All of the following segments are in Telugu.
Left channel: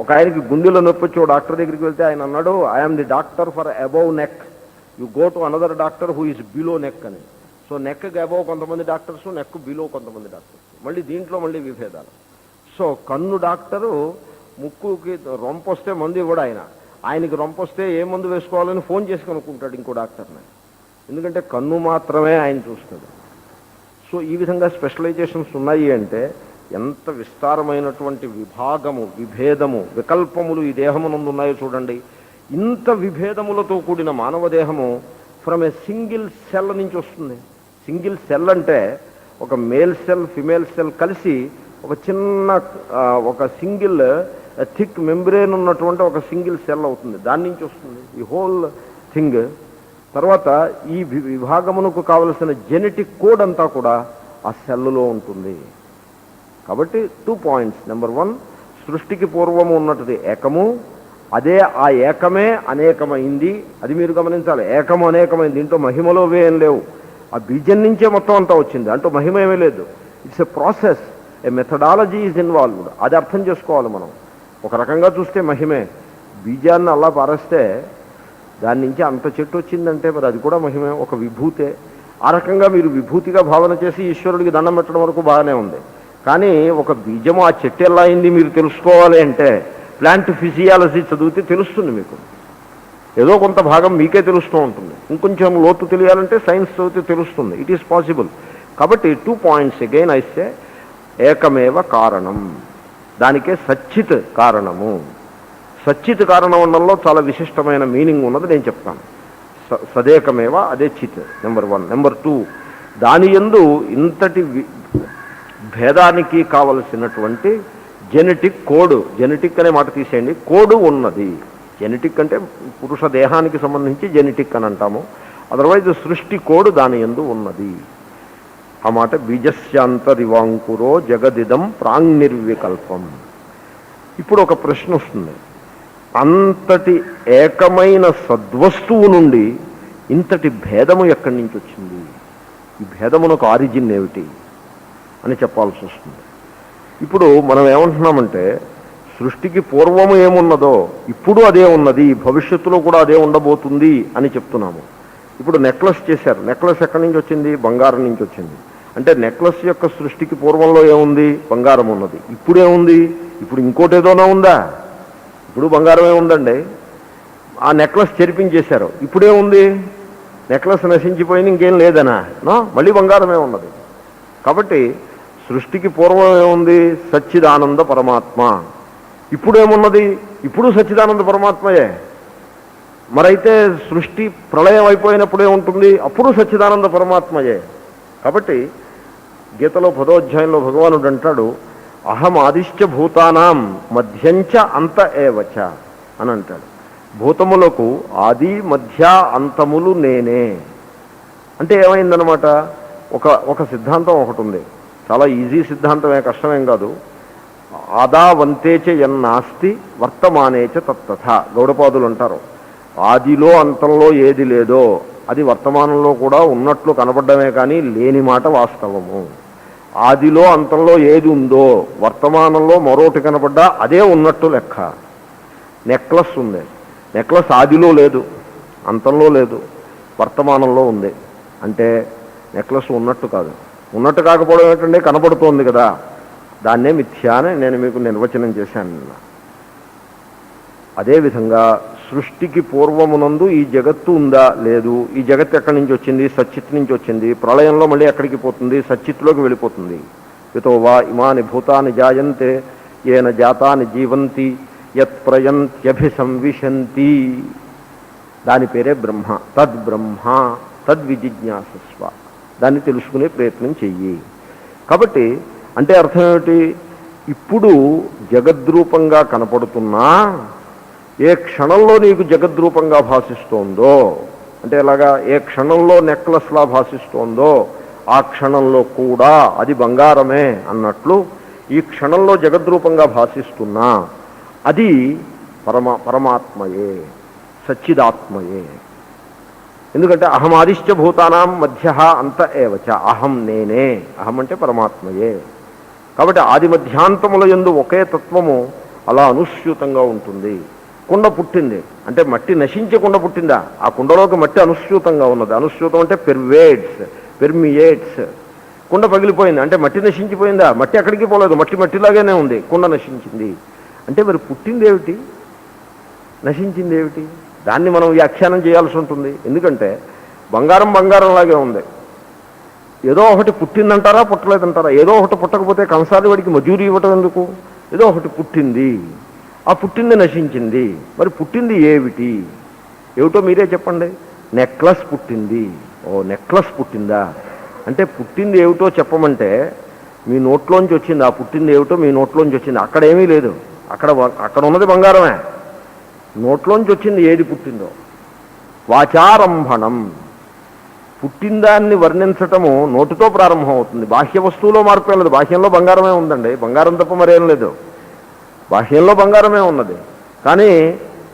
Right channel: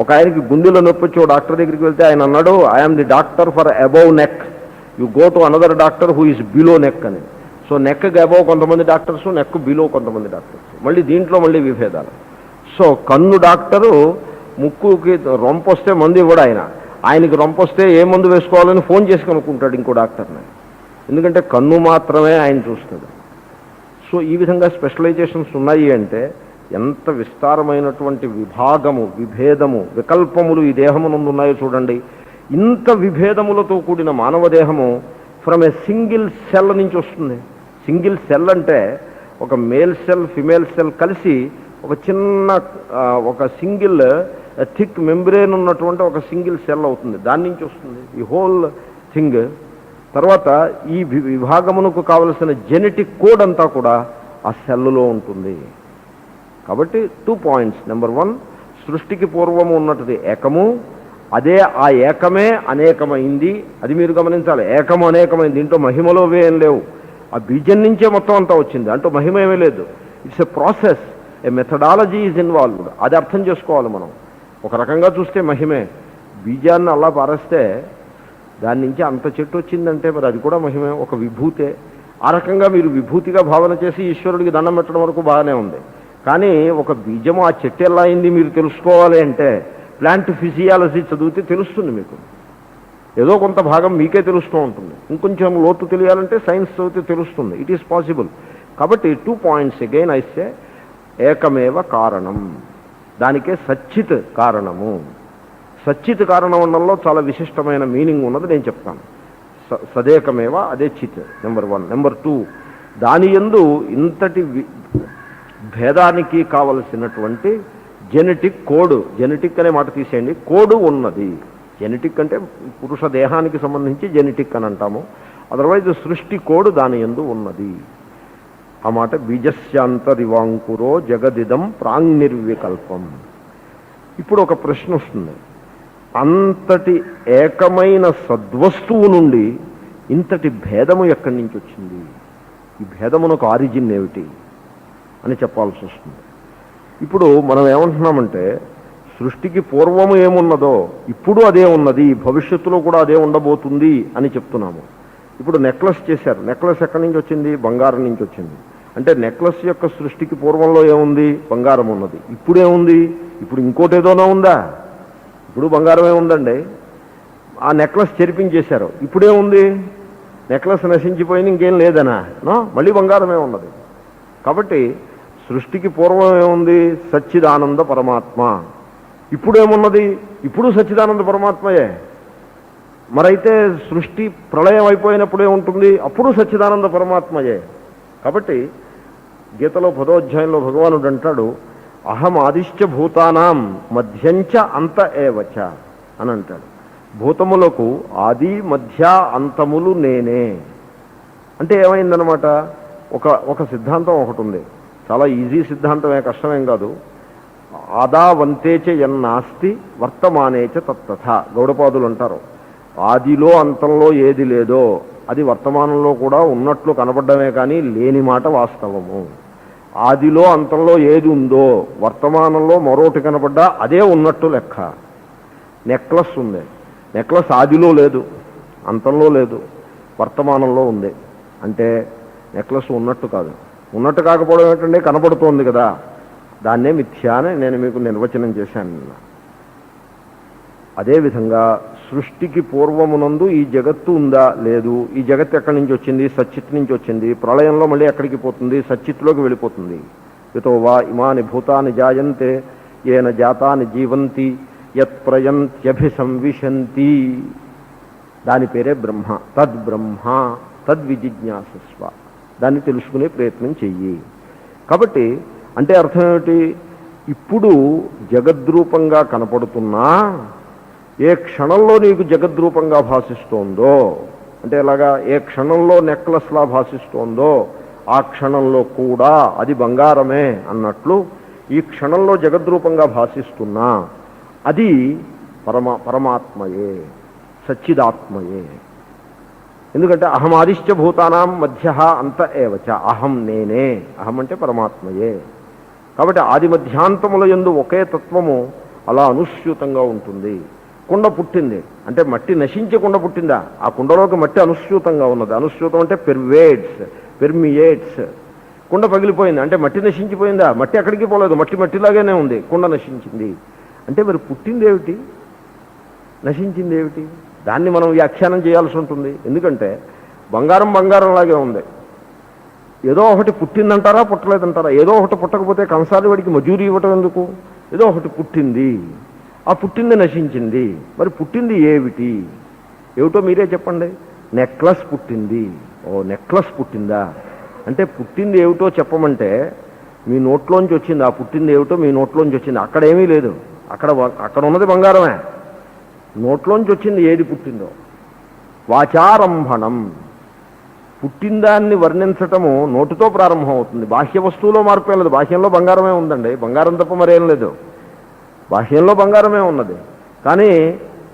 ఒక ఆయనకి గుండెలో నొప్పి వచ్చి డాక్టర్ దగ్గరికి వెళ్తే ఆయన అన్నాడు, I'm the doctor for above neck, you go to another doctor who is below neck అని. సో నెక్కి అబౌవ్ కొంతమంది డాక్టర్స్, నెక్ బిలో కొంతమంది డాక్టర్స్. మళ్ళీ దీంట్లో మళ్ళీ విభేదాలు. సో కన్ను డాక్టరు ముక్కుకి రొంపు వస్తే మందు ఇవ్వడు ఆయన. ఆయనకి రొంపు వస్తే ఏ మందు వేసుకోవాలని ఫోన్ చేసి కనుక్కుంటాడు ఇంకో డాక్టర్ని, ఎందుకంటే కన్ను మాత్రమే ఆయన చూస్తుంది. సో ఈ విధంగా స్పెషలైజేషన్స్ ఉన్నాయి అంటే ఎంత విస్తారమైనటువంటి విభాగము, విభేదము, వికల్పములు ఈ దేహమునందు ఉన్నాయో చూడండి. ఇంత విభేదములతో కూడిన మానవ దేహము ఫ్రమ్ ఏ సింగిల్ సెల్ నుంచి వస్తుంది. సింగిల్ సెల్ అంటే ఒక మేల్ సెల్, ఫిమేల్ సెల్ కలిసి ఒక చిన్న ఒక సింగిల్ థిక్ మెంబ్రేన్ ఉన్నటువంటి ఒక సింగిల్ సెల్ అవుతుంది. దాని నుంచి వస్తుంది ఈ హోల్ థింగ్. తర్వాత ఈ విభాగమునకు కావలసిన జెనెటిక్ కోడ్ అంతా కూడా ఆ సెల్లులో ఉంటుంది. కాబట్టి 2 పాయింట్స్. నెంబర్ 1, సృష్టికి పూర్వము ఉన్నది ఏకము, అదే ఆ ఏకమే అనేకమైంది. అది మీరు గమనించాలి. ఏకము అనేకమైంది, దీంట్లో మహిమలో ఏం లేవు. ఆ బీజం నుంచే మొత్తం అంతా వచ్చింది, అంటూ మహిమ ఏమీ లేదు. It's a process, A methodology is involved. అది అర్థం చేసుకోవాలి మనం. ఒక రకంగా చూస్తే మహిమే. బీజాన్ని అలా పారేస్తే దాని నుంచి అంత చెట్టు వచ్చిందంటే మరి అది కూడా మహిమే, ఒక విభూతే. ఆ రకంగా మీరు విభూతిగా భావన చేసి ఈశ్వరుడికి దండం పెట్టడం వరకు బాగానే ఉంది. కానీ ఒక బీజము ఆ చెట్టు ఎలా అయింది మీరు తెలుసుకోవాలి అంటే ప్లాంట్ ఫిజియాలజీ చదివితే తెలుస్తుంది మీకు. ఏదో కొంత భాగం మీకే తెలుస్తూ ఉంటుంది. ఇంకొంచెం లోతు తెలియాలంటే సైన్స్ చదివితే తెలుస్తుంది. It is possible. కాబట్టి 2 పాయింట్స్ అగైన్ ఐస్తే ఏకమేవ కారణం, దానికే సచ్చిత్ కారణము. సచ్చిత్ కారణం అనడంలో చాలా విశిష్టమైన మీనింగ్ ఉన్నది, నేను చెప్తాను. సదేకమేవ, అదే చిత్, నెంబర్ 1. నెంబర్ 2, దాని యందు ఇంతటి భేదానికి కావలసినటువంటి జెనెటిక్ కోడ్, జెనెటిక్ అనే మాట తీసేయండి, కోడ్ ఉన్నది. జెనెటిక్ అంటే పురుష దేహానికి సంబంధించి జెనెటిక్ అని అంటాము. అదర్వైజ్ సృష్టి కోడ్ దాని యందు ఉన్నది. ఆ మాట బీజస్యాంతరివాంకురో జగదిదం ప్రాంగ్నిర్వికల్పం. ఇప్పుడు ఒక ప్రశ్న వస్తుంది, అంతటి ఏకమైన సద్వస్తువు నుండి ఇంతటి భేదము ఎక్కడి నుంచి వచ్చింది? ఈ భేదమునకు ఆరిజిన్ ఏమిటి అని చెప్పాల్సి వస్తుంది. ఇప్పుడు మనం ఏమంటున్నామంటే సృష్టికి పూర్వము ఏమున్నదో ఇప్పుడు అదే ఉన్నది, భవిష్యత్తులో కూడా అదే ఉండబోతుంది అని చెప్తున్నాము. ఇప్పుడు నెక్లెస్ చేశారు. నెక్లెస్ ఎక్కడి నుంచి వచ్చింది? బంగారం నుంచి వచ్చింది. అంటే నెక్లెస్ యొక్క సృష్టికి పూర్వంలో ఏముంది? బంగారం ఉన్నది. ఇప్పుడేముంది? ఇప్పుడు ఇంకోటి ఏదోనా ఉందా? ఇప్పుడు బంగారమే ఉందండి. ఆ నెక్లెస్ చెరిపించేశారు, ఇప్పుడేముంది? నెక్లెస్ నశించిపోయింది, ఇంకేం లేదనా? మళ్ళీ బంగారమే ఉన్నది. కాబట్టి సృష్టికి పూర్వం ఏముంది? సచ్చిదానంద పరమాత్మ. ఇప్పుడేమున్నది? ఇప్పుడు సచ్చిదానంద పరమాత్మయే. మరైతే సృష్టి ప్రళయం అయిపోయినప్పుడు ఏముంటుంది? అప్పుడు సచ్చిదానంద పరమాత్మయే. కాబట్టి గీతలో 10వ అధ్యాయంలో భగవానుడు అంటాడు, అహం ఆదిశ్చ భూతానాం మధ్యంచ అంత ఏవచ అని అంటాడు. భూతములకు ఆది మధ్య అంతములు నేనే. అంటే ఏమైందనమాట? ఒక సిద్ధాంతం ఒకటి ఉంది, చాలా ఈజీ సిద్ధాంతమే, కష్టమేం కాదు. ఆదా వంతేచ ఎన్నాస్తి వర్తమానేచ తత్తథ. గౌడపాదులు అంటారు, ఆదిలో అంతంలో ఏది లేదో అది వర్తమానంలో కూడా ఉన్నట్లు కనబడ్డమే కానీ లేని మాట వాస్తవము. ఆదిలో అంతంలో ఏది ఉందో వర్తమానంలో మరోటి కనబడ్డా అదే ఉన్నట్టు లెక్క. నెక్లెస్ ఉంది, నెక్లెస్ ఆదిలో లేదు, అంతంలో లేదు, వర్తమానంలో ఉంది. అంటే నెక్లెస్ ఉన్నట్టు కాదు. ఉన్నట్టు కాకపోవడం ఏంటంటే కనబడుతోంది కదా, దాన్నే మిథ్యా అని నేను మీకు నిర్వచనం చేశాను. అదేవిధంగా సృష్టికి పూర్వమునందు ఈ జగత్తు ఉందా? లేదు. ఈ జగత్తు ఎక్కడి నుంచి వచ్చింది? సచ్చిత్ నుంచి వచ్చింది. ప్రళయంలో మళ్ళీ ఎక్కడికి పోతుంది? సచ్చిత్లోకి వెళ్ళిపోతుంది. యతో వా ఇమాని భూతాని జాయంతే ఏన జాతాని జీవంతి యత్ ప్రయంత్యభిసంవిశంతి. దాని పేరే బ్రహ్మ. తద్బ్రహ్మ తద్విజిజ్ఞాసస్వ. దాన్ని తెలుసుకునే ప్రయత్నం చెయ్యి. కాబట్టి అంటే అర్థం ఏమిటి? ఇప్పుడు జగద్రూపంగా కనపడుతున్నా ఏ క్షణంలో నీకు జగద్రూపంగా భాషిస్తోందో, అంటే ఎలాగా ఏ క్షణంలో నెక్లెస్లా భాషిస్తోందో ఆ క్షణంలో కూడా అది బంగారమే అన్నట్లు ఈ క్షణంలో జగద్రూపంగా భాషిస్తున్నా అది పరమాత్మయే, సచ్చిదాత్మయే. ఎందుకంటే అహం ఆదిశ్చ భూతానాం మధ్య అంత ఏవచ. అహం నేనే. అహం అంటే పరమాత్మయే. కాబట్టి ఆది మధ్యాంతముల యందు ఒకే తత్వము అలా అనుస్యూతంగా ఉంటుంది. కుండ పుట్టింది అంటే మట్టి నశించే కుండ పుట్టిందా? ఆ కుండలోకి మట్టి అనుస్యూతంగా ఉన్నది. అనుస్యూతం అంటే పెర్మియేట్స్. కుండ పగిలిపోయింది అంటే మట్టి నశించిపోయిందా? మట్టి ఎక్కడికి పోలేదు, మట్టి మట్టిలాగానే ఉంది. కుండ నశించింది అంటే మరి పుట్టింది ఏమిటి, నశించింది ఏమిటి? దాన్ని మనం వ్యాఖ్యానం చేయాల్సి ఉంటుంది. ఎందుకంటే బంగారం బంగారంలాగే ఉంది. ఏదో ఒకటి పుట్టిందంటారా, పుట్టలేదంటారా? ఏదో ఒకటి పుట్టకపోతే కంసాలి వాడికి మజూరీ ఇవ్వటం ఎందుకు? ఏదో ఒకటి పుట్టింది, ఆ పుట్టింది నశించింది. మరి పుట్టింది ఏమిటో మీరే చెప్పండి. నెక్లెస్ పుట్టింది. ఓ నెక్లెస్ పుట్టిందా అంటే పుట్టింది ఏమిటో చెప్పమంటే మీ నోట్లోంచి వచ్చింది. ఆ పుట్టింది ఏమిటో మీ నోట్లోంచి వచ్చింది. అక్కడేమీ లేదు, అక్కడ ఉన్నది బంగారమే. నోట్లోంచి వచ్చింది ఏది పుట్టిందో. వాచారంభణం, పుట్టిందాన్ని వర్ణించటము నోటితో ప్రారంభం అవుతుంది. బాహ్య వస్తువులో మార్పు లేదు. బాహ్యంలో బంగారమే ఉందండి, బంగారం తప్ప మరేం లేదు. బాహ్యంలో బంగారమే ఉన్నది. కానీ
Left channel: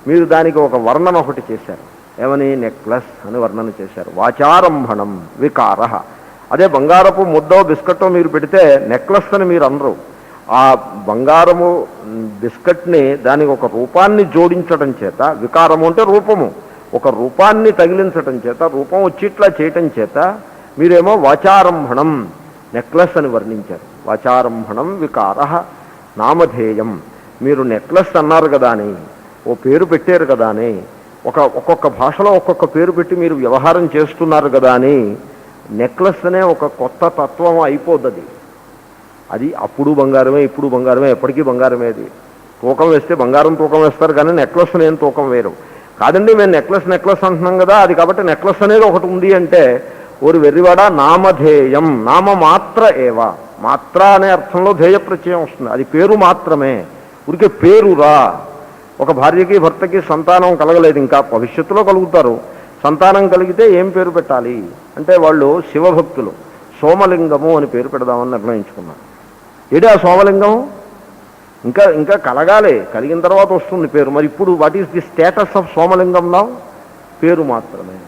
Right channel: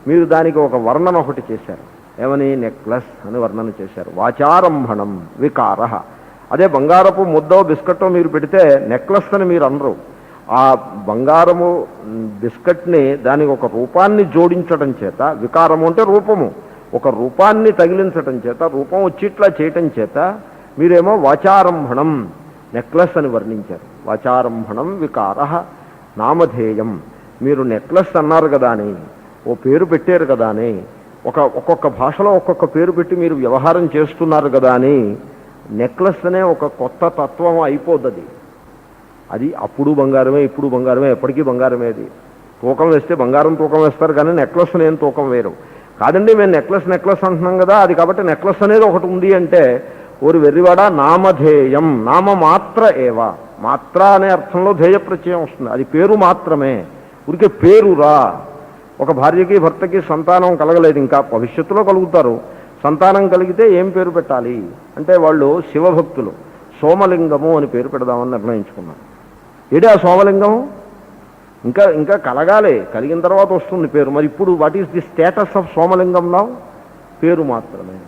మీరు దానికి ఒక వర్ణన ఒకటి చేశారు. ఏమని? నెక్లెస్ అని వర్ణన చేశారు. వాచారంభణం వికార. అదే బంగారపు ముద్దో బిస్కట్టో మీరు పెడితే నెక్లెస్ అని మీరు అనరు. ఆ బంగారము బిస్కట్ని దానికి ఒక రూపాన్ని జోడించడం చేత, వికారము అంటే రూపము, ఒక రూపాన్ని తగిలించటం చేత, రూపం వచ్చిట్లా చేయటం చేత మీరేమో వాచారంభణం నెక్లెస్ అని వర్ణించారు. వాచారంభణం వికార నామధేయం. మీరు నెక్లెస్ అన్నారు కదా అని, ఓ పేరు పెట్టారు కదా అని, ఒక్కొక్క భాషలో ఒక్కొక్క పేరు పెట్టి మీరు వ్యవహారం చేస్తున్నారు కదా అని నెక్లెస్ అనే ఒక కొత్త తత్వం అయిపోద్ది. అది అప్పుడు బంగారమే, ఇప్పుడు బంగారమే, ఎప్పటికీ బంగారమే. అది తూకం వేస్తే బంగారం తూకం వేస్తారు కానీ నెక్లెస్ నేను తూకం వేరు కాదండి. మేము నెక్లెస్ అంటున్నాం కదా, అది కాబట్టి నెక్లెస్ అనేది ఒకటి ఉంది అంటే ఓరి వెర్రివాడ, నామధేయం. నామ మాత్ర ఏవా, మాత్ర అనే అర్థంలో ధేయ ప్రత్యయం వస్తుంది. అది పేరు మాత్రమే, ఉడికే పేరురా. ఒక భార్యకి భర్తకి సంతానం కలగలేదు, ఇంకా భవిష్యత్తులో కలుగుతారు. సంతానం కలిగితే ఏం పేరు పెట్టాలి అంటే వాళ్ళు శివభక్తులు, సోమలింగము అని పేరు పెడదామని నిర్ణయించుకున్నారు. ఏడా సోమలింగం? ఇంకా కలగాలి, కలిగిన తర్వాత వస్తుంది పేరు. మరి ఇప్పుడు what is the status of Somalingam now? పేరు మాత్రమే.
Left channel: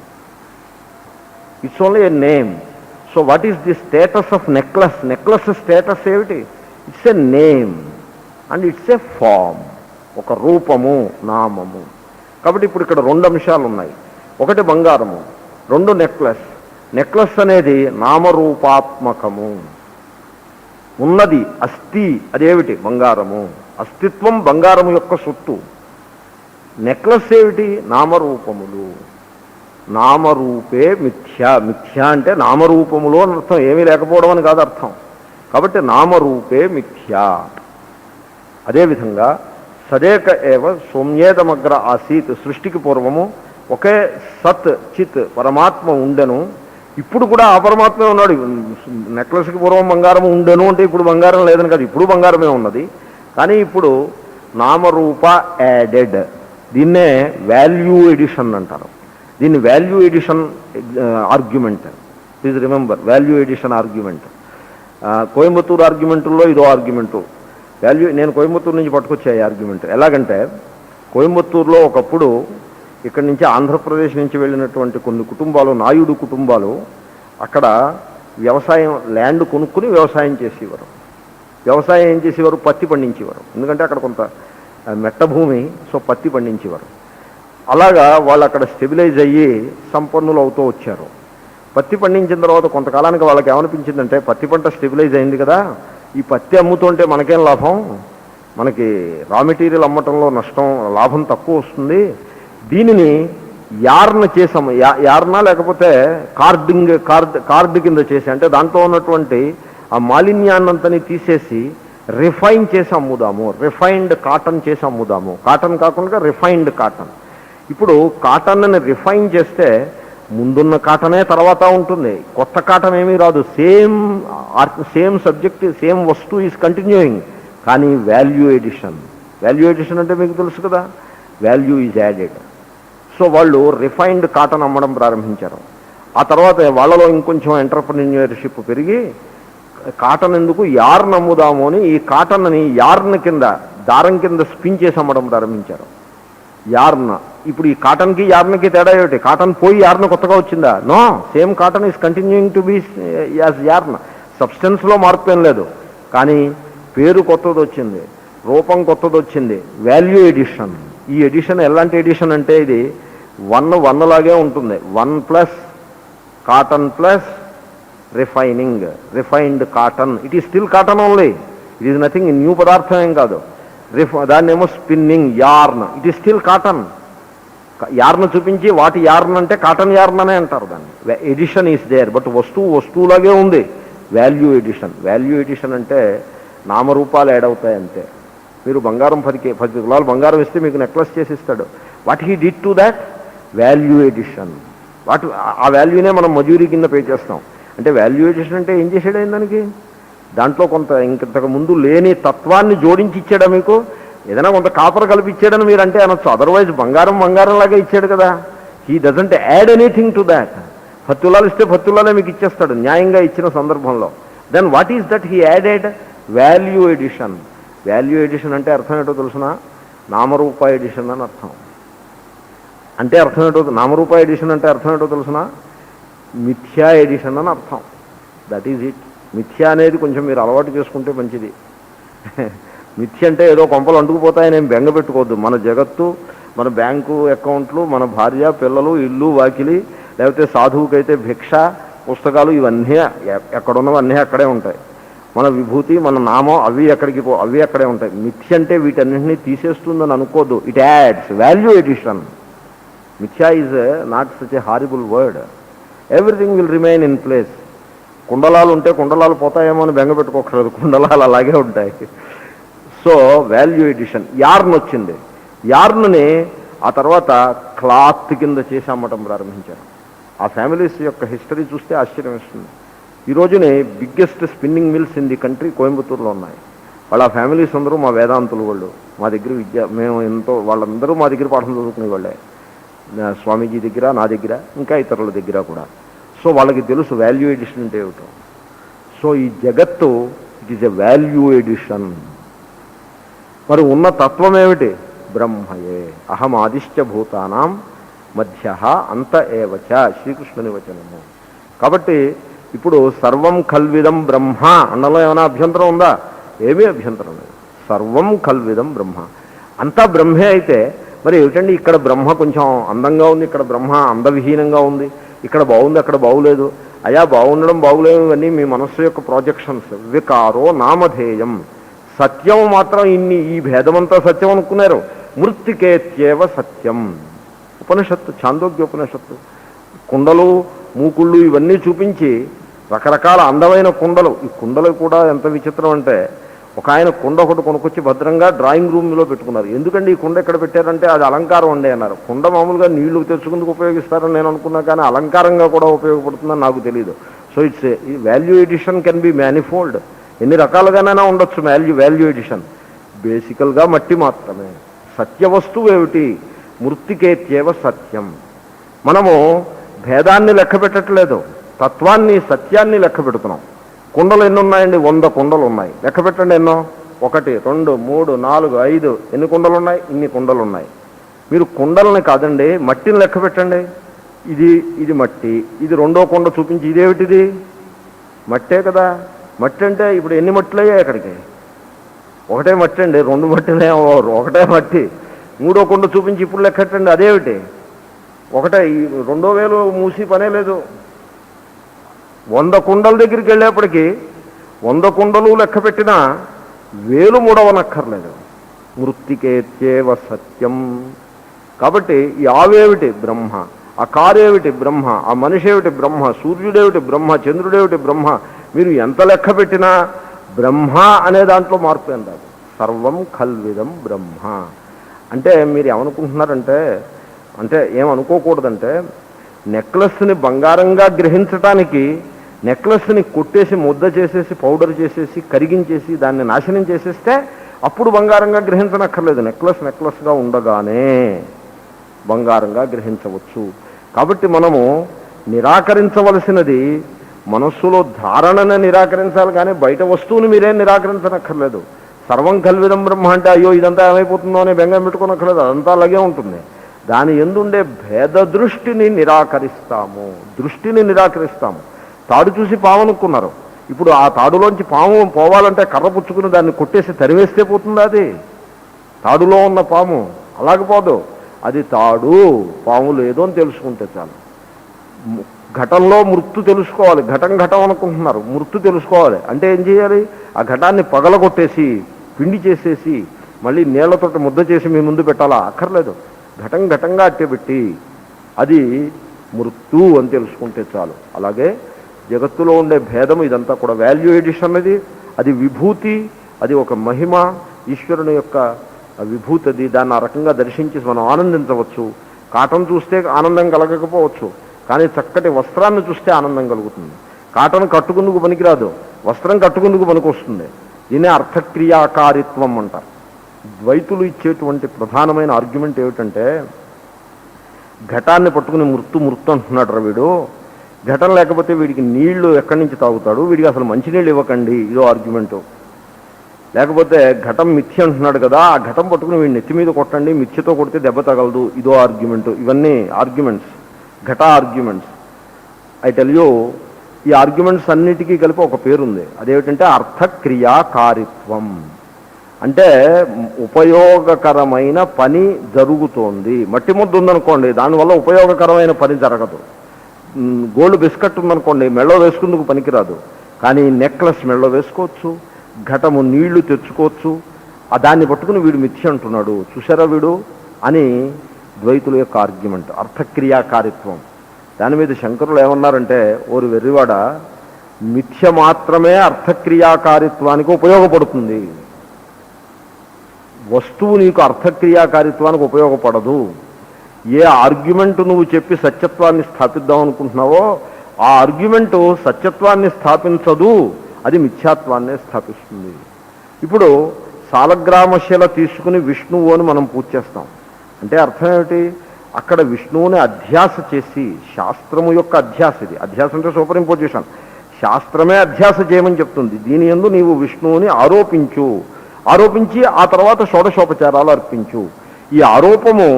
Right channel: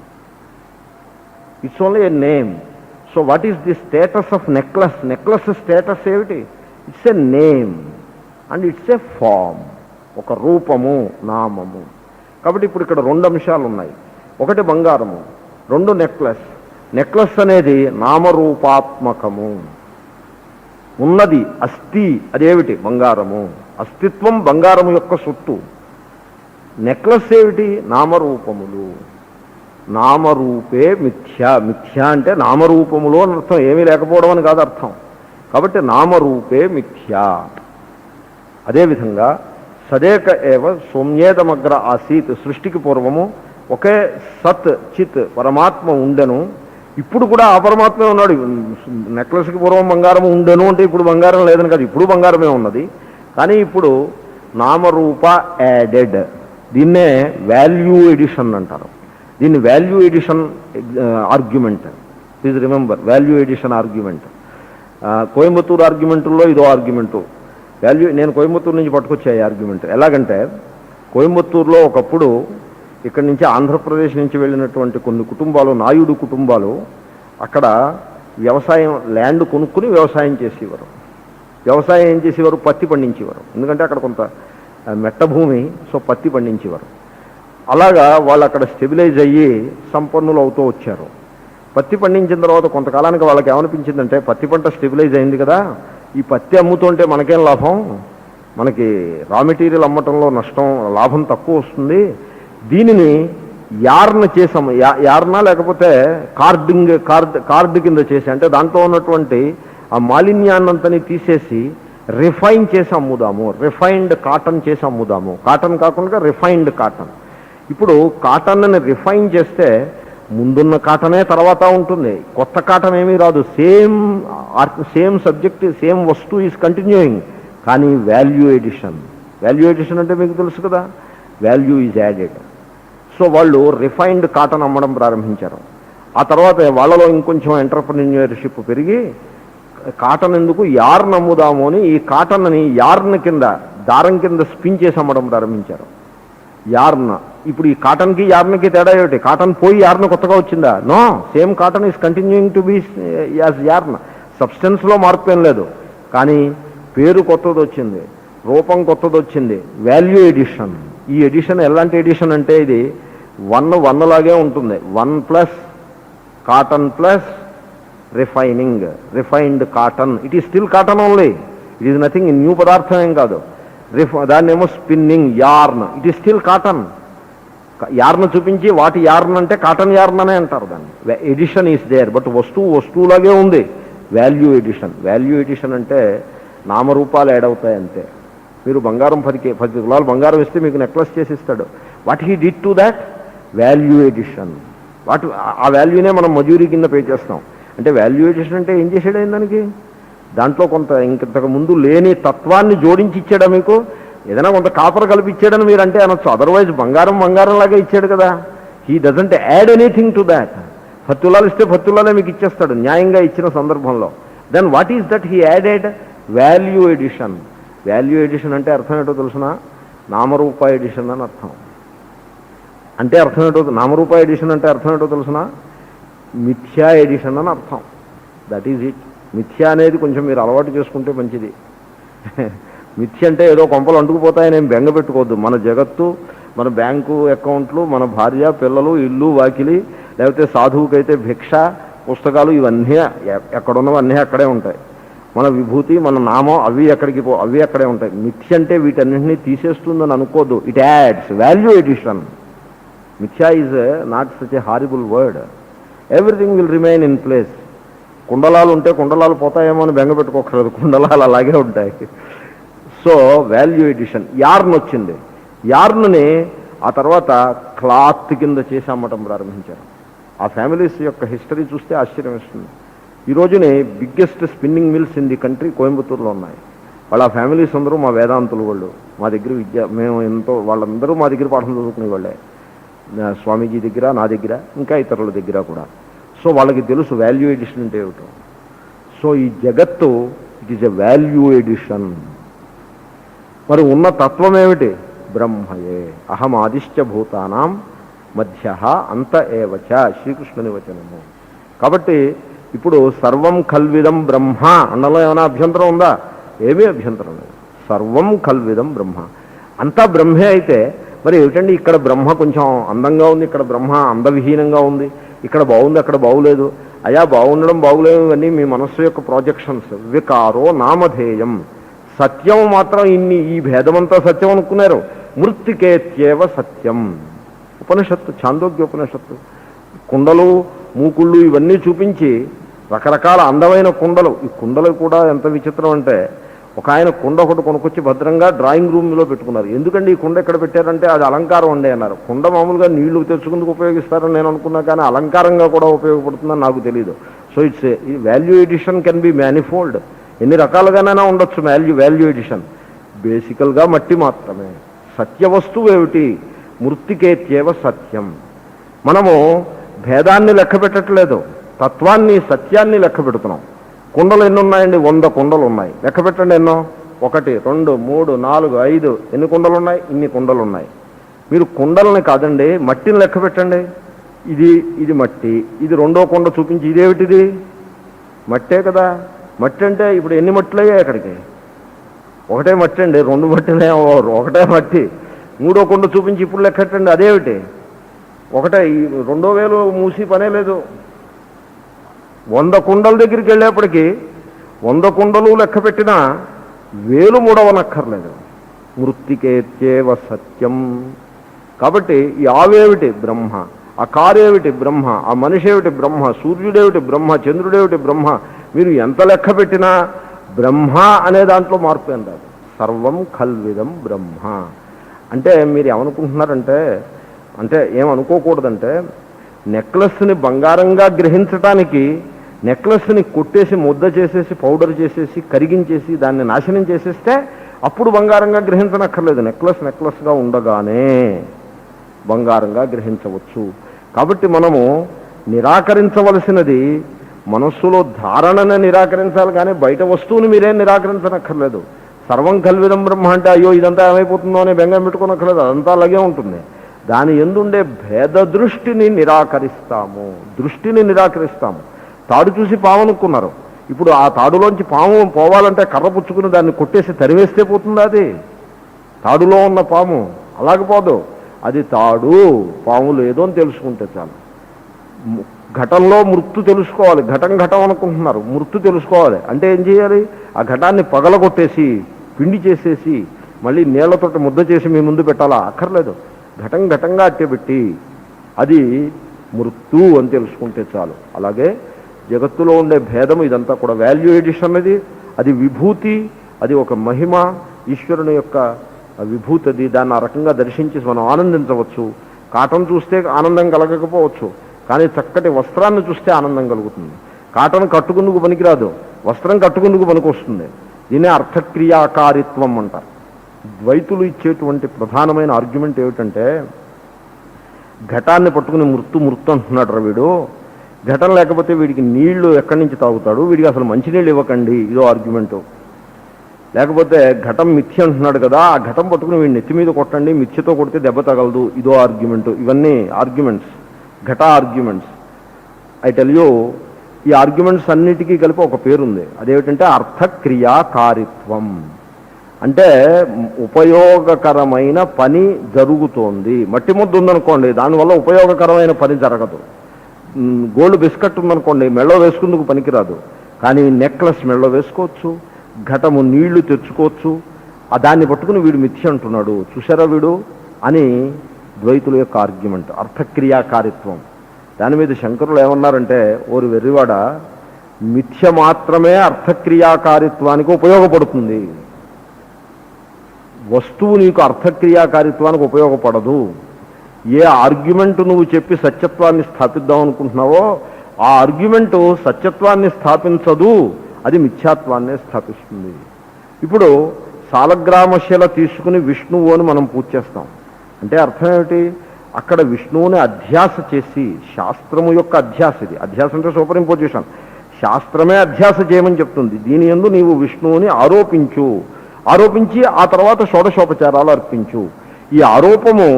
It's only a name. So what is the status of necklace? Necklace status ఏమిటి? It's a name and it's a form, ఒక రూపము, నామము. కాబట్టి ఇప్పుడు ఇక్కడ రెండు అంశాలు ఉన్నాయి. ఒకటి బంగారము, రెండు నెక్లెస్. నెక్లెస్ అనేది నామరూపాత్మకము, ఉన్నది, అస్థి. అదేమిటి? బంగారము. అస్తిత్వం బంగారము యొక్క సొత్తు. నెక్లెస్ ఏమిటి? నామరూపములు. నామరూపే మిథ్య. మిథ్య అంటే నామరూపములు అని అర్థం, ఏమీ లేకపోవడం అని కాదు అర్థం. కాబట్టి నామరూపే మిథ్య. అదేవిధంగా సదేక ఏవ సౌమ్యేదమగ్ర ఆసీత్. సృష్టికి పూర్వము ఒకే సత్ చిత్ పరమాత్మ ఉండెను. ఇప్పుడు కూడా ఆ పరమాత్మే ఉన్నాడు. నెక్లెస్కి పూర్వం బంగారం ఉండెను అంటే ఇప్పుడు బంగారం లేదని కాదు, ఇప్పుడు బంగారమే ఉన్నది. కానీ ఇప్పుడు నామరూప యాడెడ్. దీన్నే వాల్యూ ఎడిషన్ అంటారు. దీన్ని value addition argument. Please remember, value addition argument. Coimbatore ఆర్గ్యుమెంటుల్లో ఇదో ఆర్గ్యుమెంటు. వాల్యూ, నేను కోయంబత్తూరు నుంచి పట్టుకొచ్చాయి ఆర్గ్యుమెంట్. ఎలాగంటే కోయంబత్తూరులో ఒకప్పుడు ఇక్కడి నుంచి ఆంధ్రప్రదేశ్ నుంచి వెళ్ళినటువంటి కొన్ని కుటుంబాలు, నాయుడు కుటుంబాలు, అక్కడ వ్యవసాయం ల్యాండ్ కొనుక్కుని వ్యవసాయం చేసేవారు. వ్యవసాయం ఏం చేసేవారు? పత్తి పండించేవారు. ఎందుకంటే అక్కడ కొంత మెట్ట భూమి, సో పత్తి పండించేవారు. అలాగా వాళ్ళు అక్కడ స్టెబిలైజ్ అయ్యి సంపన్నులు అవుతూ వచ్చారు. పత్తి పండించిన తర్వాత కొంతకాలానికి వాళ్ళకి ఏమనిపించిందంటే, పత్తి పంట స్టెబిలైజ్ అయింది కదా, ఈ పత్తి అమ్ముతుంటే మనకేం లాభం, మనకి రా మెటీరియల్ అమ్మటంలో నష్టం, లాభం తక్కువ వస్తుంది. దీనిని యార్న్ చేసాము, యార్నా లేకపోతే కార్డ్ కింద చేసి, అంటే దాంట్లో ఉన్నటువంటి ఆ మాలిన్యాన్నంతని తీసేసి రిఫైన్ చేసి అమ్ముదాము, రిఫైన్డ్ కాటన్ చేసి అమ్ముదాము. కాటన్ కాకుండా రిఫైన్డ్ కాటన్. ఇప్పుడు కాటన్ని రిఫైన్ చేస్తే ముందున్న కాటనే తర్వాత ఉంటుంది, కొత్త కాటన్ ఏమీ రాదు. సేమ్ సబ్జెక్ట్, సేమ్ వస్తువు ఈజ్ కంటిన్యూయింగ్. కానీ వాల్యూ ఎడిషన్ అంటే మీకు తెలుసు కదా, వాల్యూ ఈజ్ యాడెడ్. సో వాళ్ళు రిఫైన్డ్ కాటన్ అమ్మడం ప్రారంభించారు. ఆ తర్వాత వాళ్ళలో ఇంకొంచెం ఎంటర్‌ప్రెన్యూర్‌షిప్ పెరిగి కాటన్ ఎందుకు యార్న్ అమ్ముదాము అని ఈ కాటన్ని యార్న్ కింద, దారం కింద స్పిన్ చేసి అమ్మడం ప్రారంభించారు. యార్న్. ఇప్పుడు ఈ కాటన్కి యార్న్కి తేడా ఏమిటి? కాటన్ పోయి యార్న్ కొత్తగా వచ్చిందా? No, same cotton is continuing to be as yarn. సబ్స్టెన్స్లో మార్పు ఏం లేదు, కానీ పేరు కొత్తది వచ్చింది. రూపం కొత్తది వచ్చింది, వాల్యూ ఎడిషన్. ఈ ఎడిషన్ ఎలాంటి ఎడిషన్ అంటే ఇది 1 లాగే ఉంటుంది. 1+ cotton plus refined cotton. It is still cotton only, it is nothing new పదార్థం ఏం కాదు. దాన్ని ఏమో spinning yarn, it is still cotton. Yarn చూపించి వాటి యార్న్ అంటే కాటన్ యార్న్ అనే అంటారు దాన్ని. ఎడిషన్ ఈస్ దేర్, బట్ వస్తువులాగే ఉంది. వాల్యూ ఎడిషన్ అంటే నామరూపాలు యాడ్ అవుతాయి అంతే. మీరు బంగారం 10 తులాలు బంగారం ఇస్తే మీకు నెక్లెస్ చేసి ఇస్తాడు. What he did to that? Value addition. ఆ వాల్యూనే మనం మజూరీ కింద పే చేస్తాం. అంటే వాల్యూ ఎడిషన్ అంటే ఏం చేసాడు దానికి? దాంట్లో కొంత ఇంతకు ముందు లేని తత్వాన్ని జోడించి ఇచ్చాడా మీకు? ఏదైనా కొంత కాపర్ కలిపి ఇచ్చాడని మీరు అంటే అనొచ్చు. అదర్వైజ్ బంగారం లాగా ఇచ్చాడు కదా. He doesn't add anything to that. 10 తులాలు ఇస్తే 10 తులాలే మీకు ఇచ్చేస్తాడు న్యాయంగా ఇచ్చిన సందర్భంలో. Then what is that he added? Value addition. Value addition అంటే అర్థం ఏంటో తెలుసిన? నామరూప ఎడిషన్ అని అర్థం. అంటే అర్థం ఏంటో, నామరూప ఎడిషన్ అంటే అర్థం ఏంటో తెలుసిన? మిథ్యా ఎడిషన్ అని అర్థం. That is it. మిథ్యా అనేది కొంచెం మీరు అలవాటు చేసుకుంటే మంచిది. మిథ్య అంటే ఏదో కొంపలు అంటుకుపోతాయని ఏం బెంగ పెట్టుకోవద్దు. మన జగత్తు, మన బ్యాంకు అకౌంట్లు, మన భార్య పిల్లలు, ఇల్లు వాకిలి, లేకపోతే సాధువుకైతే భిక్ష, పుస్తకాలు, ఇవన్నీ ఎక్కడున్నవన్నీ అక్కడే ఉంటాయి. మన విభూతి, మన నామం అవి అక్కడే ఉంటాయి. మిథ్య అంటే వీటన్నింటినీ తీసేస్తుందని అనుకోద్దు. It adds. Value addition. Mithya is not such a horrible word. Everything will remain in place. కుండలాలు ఉంటే కుండలాలు పోతాయేమో అని బెంగ పెట్టుకోకూడదు. కుండలాలు అలాగే ఉంటాయి. So value addition. యార్న్ వచ్చింది. యార్న్ని ఆ తర్వాత క్లాత్ కింద చేసి అమ్మటం ప్రారంభించారు. ఆ ఫ్యామిలీస్ యొక్క హిస్టరీ చూస్తే ఆశ్చర్యం వేస్తుంది. ఈ రోజునే biggest spinning mills in the country కోయంబత్తూరులో ఉన్నాయి. వాళ్ళ ఫ్యామిలీస్ అందరూ మా వేదాంతులు వాళ్ళు. మా దగ్గర వాళ్ళందరూ మా దగ్గర పాఠం చదువుకునే వాళ్ళే. స్వామీజీ దగ్గర, నా దగ్గర, ఇంకా ఇతరుల దగ్గర కూడా. సో వాళ్ళకి తెలుసు వాల్యూ ఎడిషన్ అంటే ఏమిటో. సో ఈ జగత్తు it is a value addition. మరి ఉన్న తత్వం ఏమిటి? బ్రహ్మయే. అహమాదిశ్చ భూతానాం మధ్య అంత ఏవచ, శ్రీకృష్ణుని వచనము. కాబట్టి ఇప్పుడు సర్వం కల్విదం బ్రహ్మ అన్నలో ఏమైనా అభ్యంతరం ఉందా? ఏమీ అభ్యంతరం లేదు. సర్వం కల్విదం బ్రహ్మ, అంతా బ్రహ్మే. అయితే మరి ఏమిటండి ఇక్కడ బ్రహ్మ కొంచెం అందంగా ఉంది, ఇక్కడ బ్రహ్మ అందవిహీనంగా ఉంది, ఇక్కడ బాగుంది అక్కడ బాగులేదు. అయా బాగుండడం బాగులేదు ఇవన్నీ మీ మనస్సు యొక్క ప్రాజెక్షన్స్. వికారో నామధేయం. సత్యం మాత్రం ఈ భేదమంతా సత్యం అనుకున్నారు. మృత్తికేత్యేవ సత్యం. ఉపనిషత్తు, ఛాందోగ్యోపనిషత్తు. కుండలు, మూకుళ్ళు ఇవన్నీ చూపించి రకరకాల అందమైన కుండలు. ఈ కుండలు కూడా ఎంత విచిత్రం అంటే, ఒక ఆయన కుండ ఒకటి కొనుక్కొచ్చి భద్రంగా డ్రాయింగ్ రూమ్లో పెట్టుకున్నారు. ఎందుకండి ఈ కుండ ఎక్కడ పెట్టారంటే అది అలంకారం అండి అన్నారు. కుండ మామూలుగా నీళ్లు తెచ్చుకుందుకు ఉపయోగిస్తారని నేను అనుకున్నా, కానీ అలంకారంగా కూడా ఉపయోగపడుతుందని నాకు తెలియదు. సో ఇట్స్ ఈ value addition can be manifold. ఎన్ని రకాలుగానైనా ఉండొచ్చు వాల్యూ ఎడిషన్. బేసికల్గా మట్టి మాత్రమే. సత్య వస్తువు ఏమిటి? మృత్తికేత్యేవ సత్యం. మనము భేదాన్ని లెక్క పెట్టట్లేదు, తత్వాన్ని, సత్యాన్ని లెక్క పెడుతున్నాం. కుండలు ఎన్ని ఉన్నాయండి? 100 కుండలు ఉన్నాయి. లెక్క పెట్టండి ఎన్నో. 1, 2, 3, 4, 5. ఎన్ని కుండలు ఉన్నాయి? ఇన్ని కుండలు ఉన్నాయి. మీరు కుండలని కాదండి, మట్టిని లెక్క పెట్టండి. ఇది మట్టి. ఇది రెండో కుండ చూపించి ఇదేమిటిది? మట్టే కదా. మట్టి అంటే ఇప్పుడు ఎన్ని మట్టులు అయ్యాయి అక్కడికి? ఒకటే మట్టి అండి. 2 మట్టినే, ఒకటే మట్టి. మూడో కుండ చూపించి ఇప్పుడు లెక్కెట్టండి, అదేమిటి? ఒకటే. 2000 మూసి పనే లేదు. 100 కుండల దగ్గరికి వెళ్ళేప్పటికీ 100 కుండలు లెక్క పెట్టినా 1000 మూడవనక్కర్లేదు. మృత్తికేత్యేవ సత్యం. కాబట్టి ఈ ఆవేమిటి? బ్రహ్మ. ఆ కారేమిటి? బ్రహ్మ. ఆ మనిషి ఏమిటి? బ్రహ్మ. సూర్యుడేమిటి? బ్రహ్మ. చంద్రుడేమిటి? బ్రహ్మ. మీరు ఎంత లెక్క పెట్టినా బ్రహ్మ అనే దాంట్లో మార్పు ఏం రాదు. సర్వం ఖల్విదం బ్రహ్మ. అంటే మీరు ఏమనుకుంటున్నారంటే, అంటే ఏమనుకోకూడదంటే, నెక్లెస్ని బంగారంగా గ్రహించటానికి నెక్లెస్ని కొట్టేసి ముద్ద చేసేసి పౌడర్ చేసేసి కరిగించేసి దాన్ని నాశనం చేసేస్తే అప్పుడు బంగారంగా గ్రహించనక్కర్లేదు. నెక్లెస్గా ఉండగానే బంగారంగా గ్రహించవచ్చు. కాబట్టి మనము నిరాకరించవలసినది మనస్సులో ధారణను నిరాకరించాలి, కానీ బయట వస్తువుని మీరేం నిరాకరించనక్కర్లేదు. సర్వం కల్విదం బ్రహ్మ అంటే అయ్యో ఇదంతా ఏమైపోతుందో అనే బెంగం పెట్టుకోనక్కర్లేదు. అదంతా అలాగే ఉంటుంది. దాని ఎందుండే భేద దృష్టిని నిరాకరిస్తాము. తాడు చూసి పావనుకున్నారు. ఇప్పుడు ఆ తాడులోంచి పాము పోవాలంటే కర్ర పుచ్చుకుని దాన్ని కొట్టేసి తరివేస్తే పోతుందా? అది తాడులో ఉన్న పాము అలాగే పోదు. అది తాడు, పాము లేదు అని తెలుసుకుంటే చాలు. ఘటంలో మృత్తు తెలుసుకోవాలి. ఘటం ఘటం అనుకుంటున్నారు, మృత్తు తెలుసుకోవాలి అంటే ఏం చేయాలి? ఆ ఘటాన్ని పగలగొట్టేసి పిండి చేసేసి మళ్ళీ నీళ్లతో ముద్ద చేసి మీ ముందు పెట్టాలా? అక్కర్లేదు. ఘటం ఘటంగా అట్టేపెట్టి అది మృత్తు అని తెలుసుకుంటే చాలు. అలాగే జగత్తులో ఉండే భేదము ఇదంతా కూడా వాల్యూ ఎడిషన్. అది విభూతి, అది ఒక మహిమ, ఈశ్వరుని యొక్క విభూతి. అది దాన్ని ఆ రకంగా దర్శించి మనం ఆనందించవచ్చు. కాటన్ చూస్తే ఆనందం కలగకపోవచ్చు, కానీ చక్కటి వస్త్రాన్ని చూస్తే ఆనందం కలుగుతుంది. కాటన్ కట్టుకుందుకు పనికిరాదు, వస్త్రం కట్టుకుందుకు పనికొస్తుంది. దీనే అర్థక్రియాకారిత్వం అంటారు. ద్వైతులు ఇచ్చేటువంటి ప్రధానమైన ఆర్గ్యుమెంట్ ఏమిటంటే, ఘటాన్ని పట్టుకుని మృత్తు మృత్తు అంటున్నాడు రా వీడు, ఘటన లేకపోతే వీడికి నీళ్లు ఎక్కడి నుంచి తాగుతాడు, వీడికి అసలు మంచినీళ్ళు ఇవ్వకండి, ఇదో ఆర్గ్యుమెంటు. లేకపోతే ఘటం మిథ్య అంటున్నాడు కదా, ఆ ఘటం పట్టుకుని వీడి నెత్తి మీద కొట్టండి, మిథ్యతో కొడితే దెబ్బ తగలదు, ఇదో ఆర్గ్యుమెంటు. ఇవన్నీ ఆర్గ్యుమెంట్స్, ఘట ఆర్గ్యుమెంట్స్. ఐ టెల్ యూ, ఈ ఆర్గ్యుమెంట్స్ అన్నిటికీ కలిపి ఒక పేరుంది. అదేమిటంటే అర్థక్రియాకారిత్వం. అంటే ఉపయోగకరమైన పని జరుగుతోంది. మట్టి ముద్ద ఉందనుకోండి, దానివల్ల ఉపయోగకరమైన పని జరగదు. గోల్డ్ బిస్కెట్ ఉందనుకోండి, మెళ్ళో వేసుకుందుకు పనికిరాదు, కానీ నెక్లెస్ మెళ్ళో వేసుకోవచ్చు, ఘటము నీళ్లు తెచ్చుకోవచ్చు. దాన్ని పట్టుకుని వీడు మిథ్య అంటున్నాడు, చూసారా వీడు అని ద్వైతుల యొక్క ఆర్గ్యుమెంట్, అర్థక్రియాకారిత్వం. దాని మీద శంకరులు ఏమన్నారంటే, ఓరి వెర్రివాడ, మిథ్య మాత్రమే అర్థక్రియాకారిత్వానికి ఉపయోగపడుతుంది, వస్తువు నీకు అర్థక్రియాకారిత్వానికి ఉపయోగపడదు. ఏ ఆర్గ్యుమెంట్ నువ్వు చెప్పి సత్యత్వాన్ని స్థాపిద్దాం అనుకుంటున్నావో ఆ ఆర్గ్యుమెంట్ సత్యత్వాన్ని స్థాపించదు, అది మిథ్యాత్వాన్నే స్థాపిస్తుంది. ఇప్పుడు సాలగ్రామశిల తీసుకుని విష్ణువు అని మనం పూజ చేస్తాం అంటే అర్థం ఏమిటి? అక్కడ విష్ణువుని అధ్యాస చేసి, శాస్త్రము యొక్క అధ్యాస, ఇది అధ్యాస అంటే సూపర్ ఇంపోజిషన్, శాస్త్రమే అధ్యాస చేయమని చెప్తుంది. దీని యందు నీవు విష్ణువుని ఆరోపించి ఆ తర్వాత షోడశోపచారాలు అర్పించు. ఈ ఆరోపము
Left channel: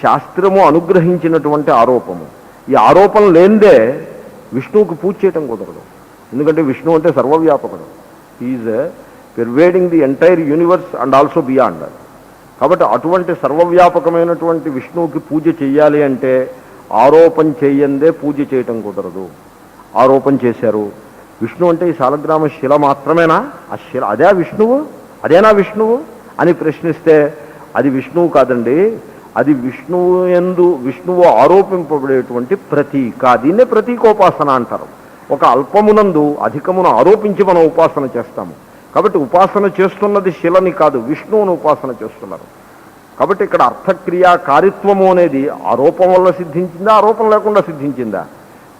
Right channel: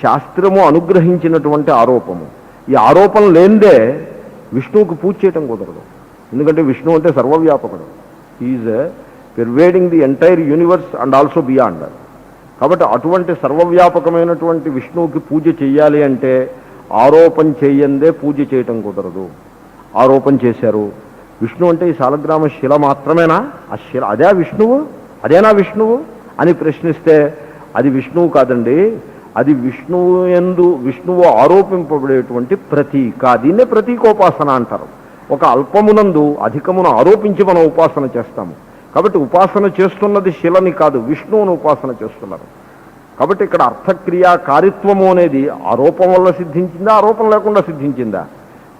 శాస్త్రము అనుగ్రహించినటువంటి ఆరోపము. ఈ ఆరోపణ లేనిదే విష్ణువుకు పూజ చేయటం కుదరదు. ఎందుకంటే విష్ణు అంటే సర్వవ్యాపకుడు, is pervading the entire universe and also beyond. కాబట్టి అటువంటి సర్వవ్యాపకమైనటువంటి విష్ణువుకి పూజ చెయ్యాలి అంటే ఆరోపణ చేయందే పూజ చేయటం కుదరదు. ఆరోపణ చేశారు. విష్ణు అంటే ఈ శాలగ్రామ శిల మాత్రమేనా? ఆ శిల అదే విష్ణువు, అదేనా విష్ణువు అని ప్రశ్నిస్తే అది విష్ణువు కాదండి, అది విష్ణువు ఆరోపింపబడేటువంటి ప్రతీక. దీన్నే ప్రతీకోపాసన అంటారు. ఒక అల్పమునందు అధికమును ఆరోపించి మనం ఉపాసన చేస్తాము. కాబట్టి ఉపాసన చేస్తున్నది శిలని కాదు, విష్ణువును ఉపాసన చేస్తున్నారు. కాబట్టి ఇక్కడ అర్థక్రియాకారిత్వము అనేది ఆరోపం వల్ల సిద్ధించిందా, ఆరోపణ లేకుండా సిద్ధించిందా?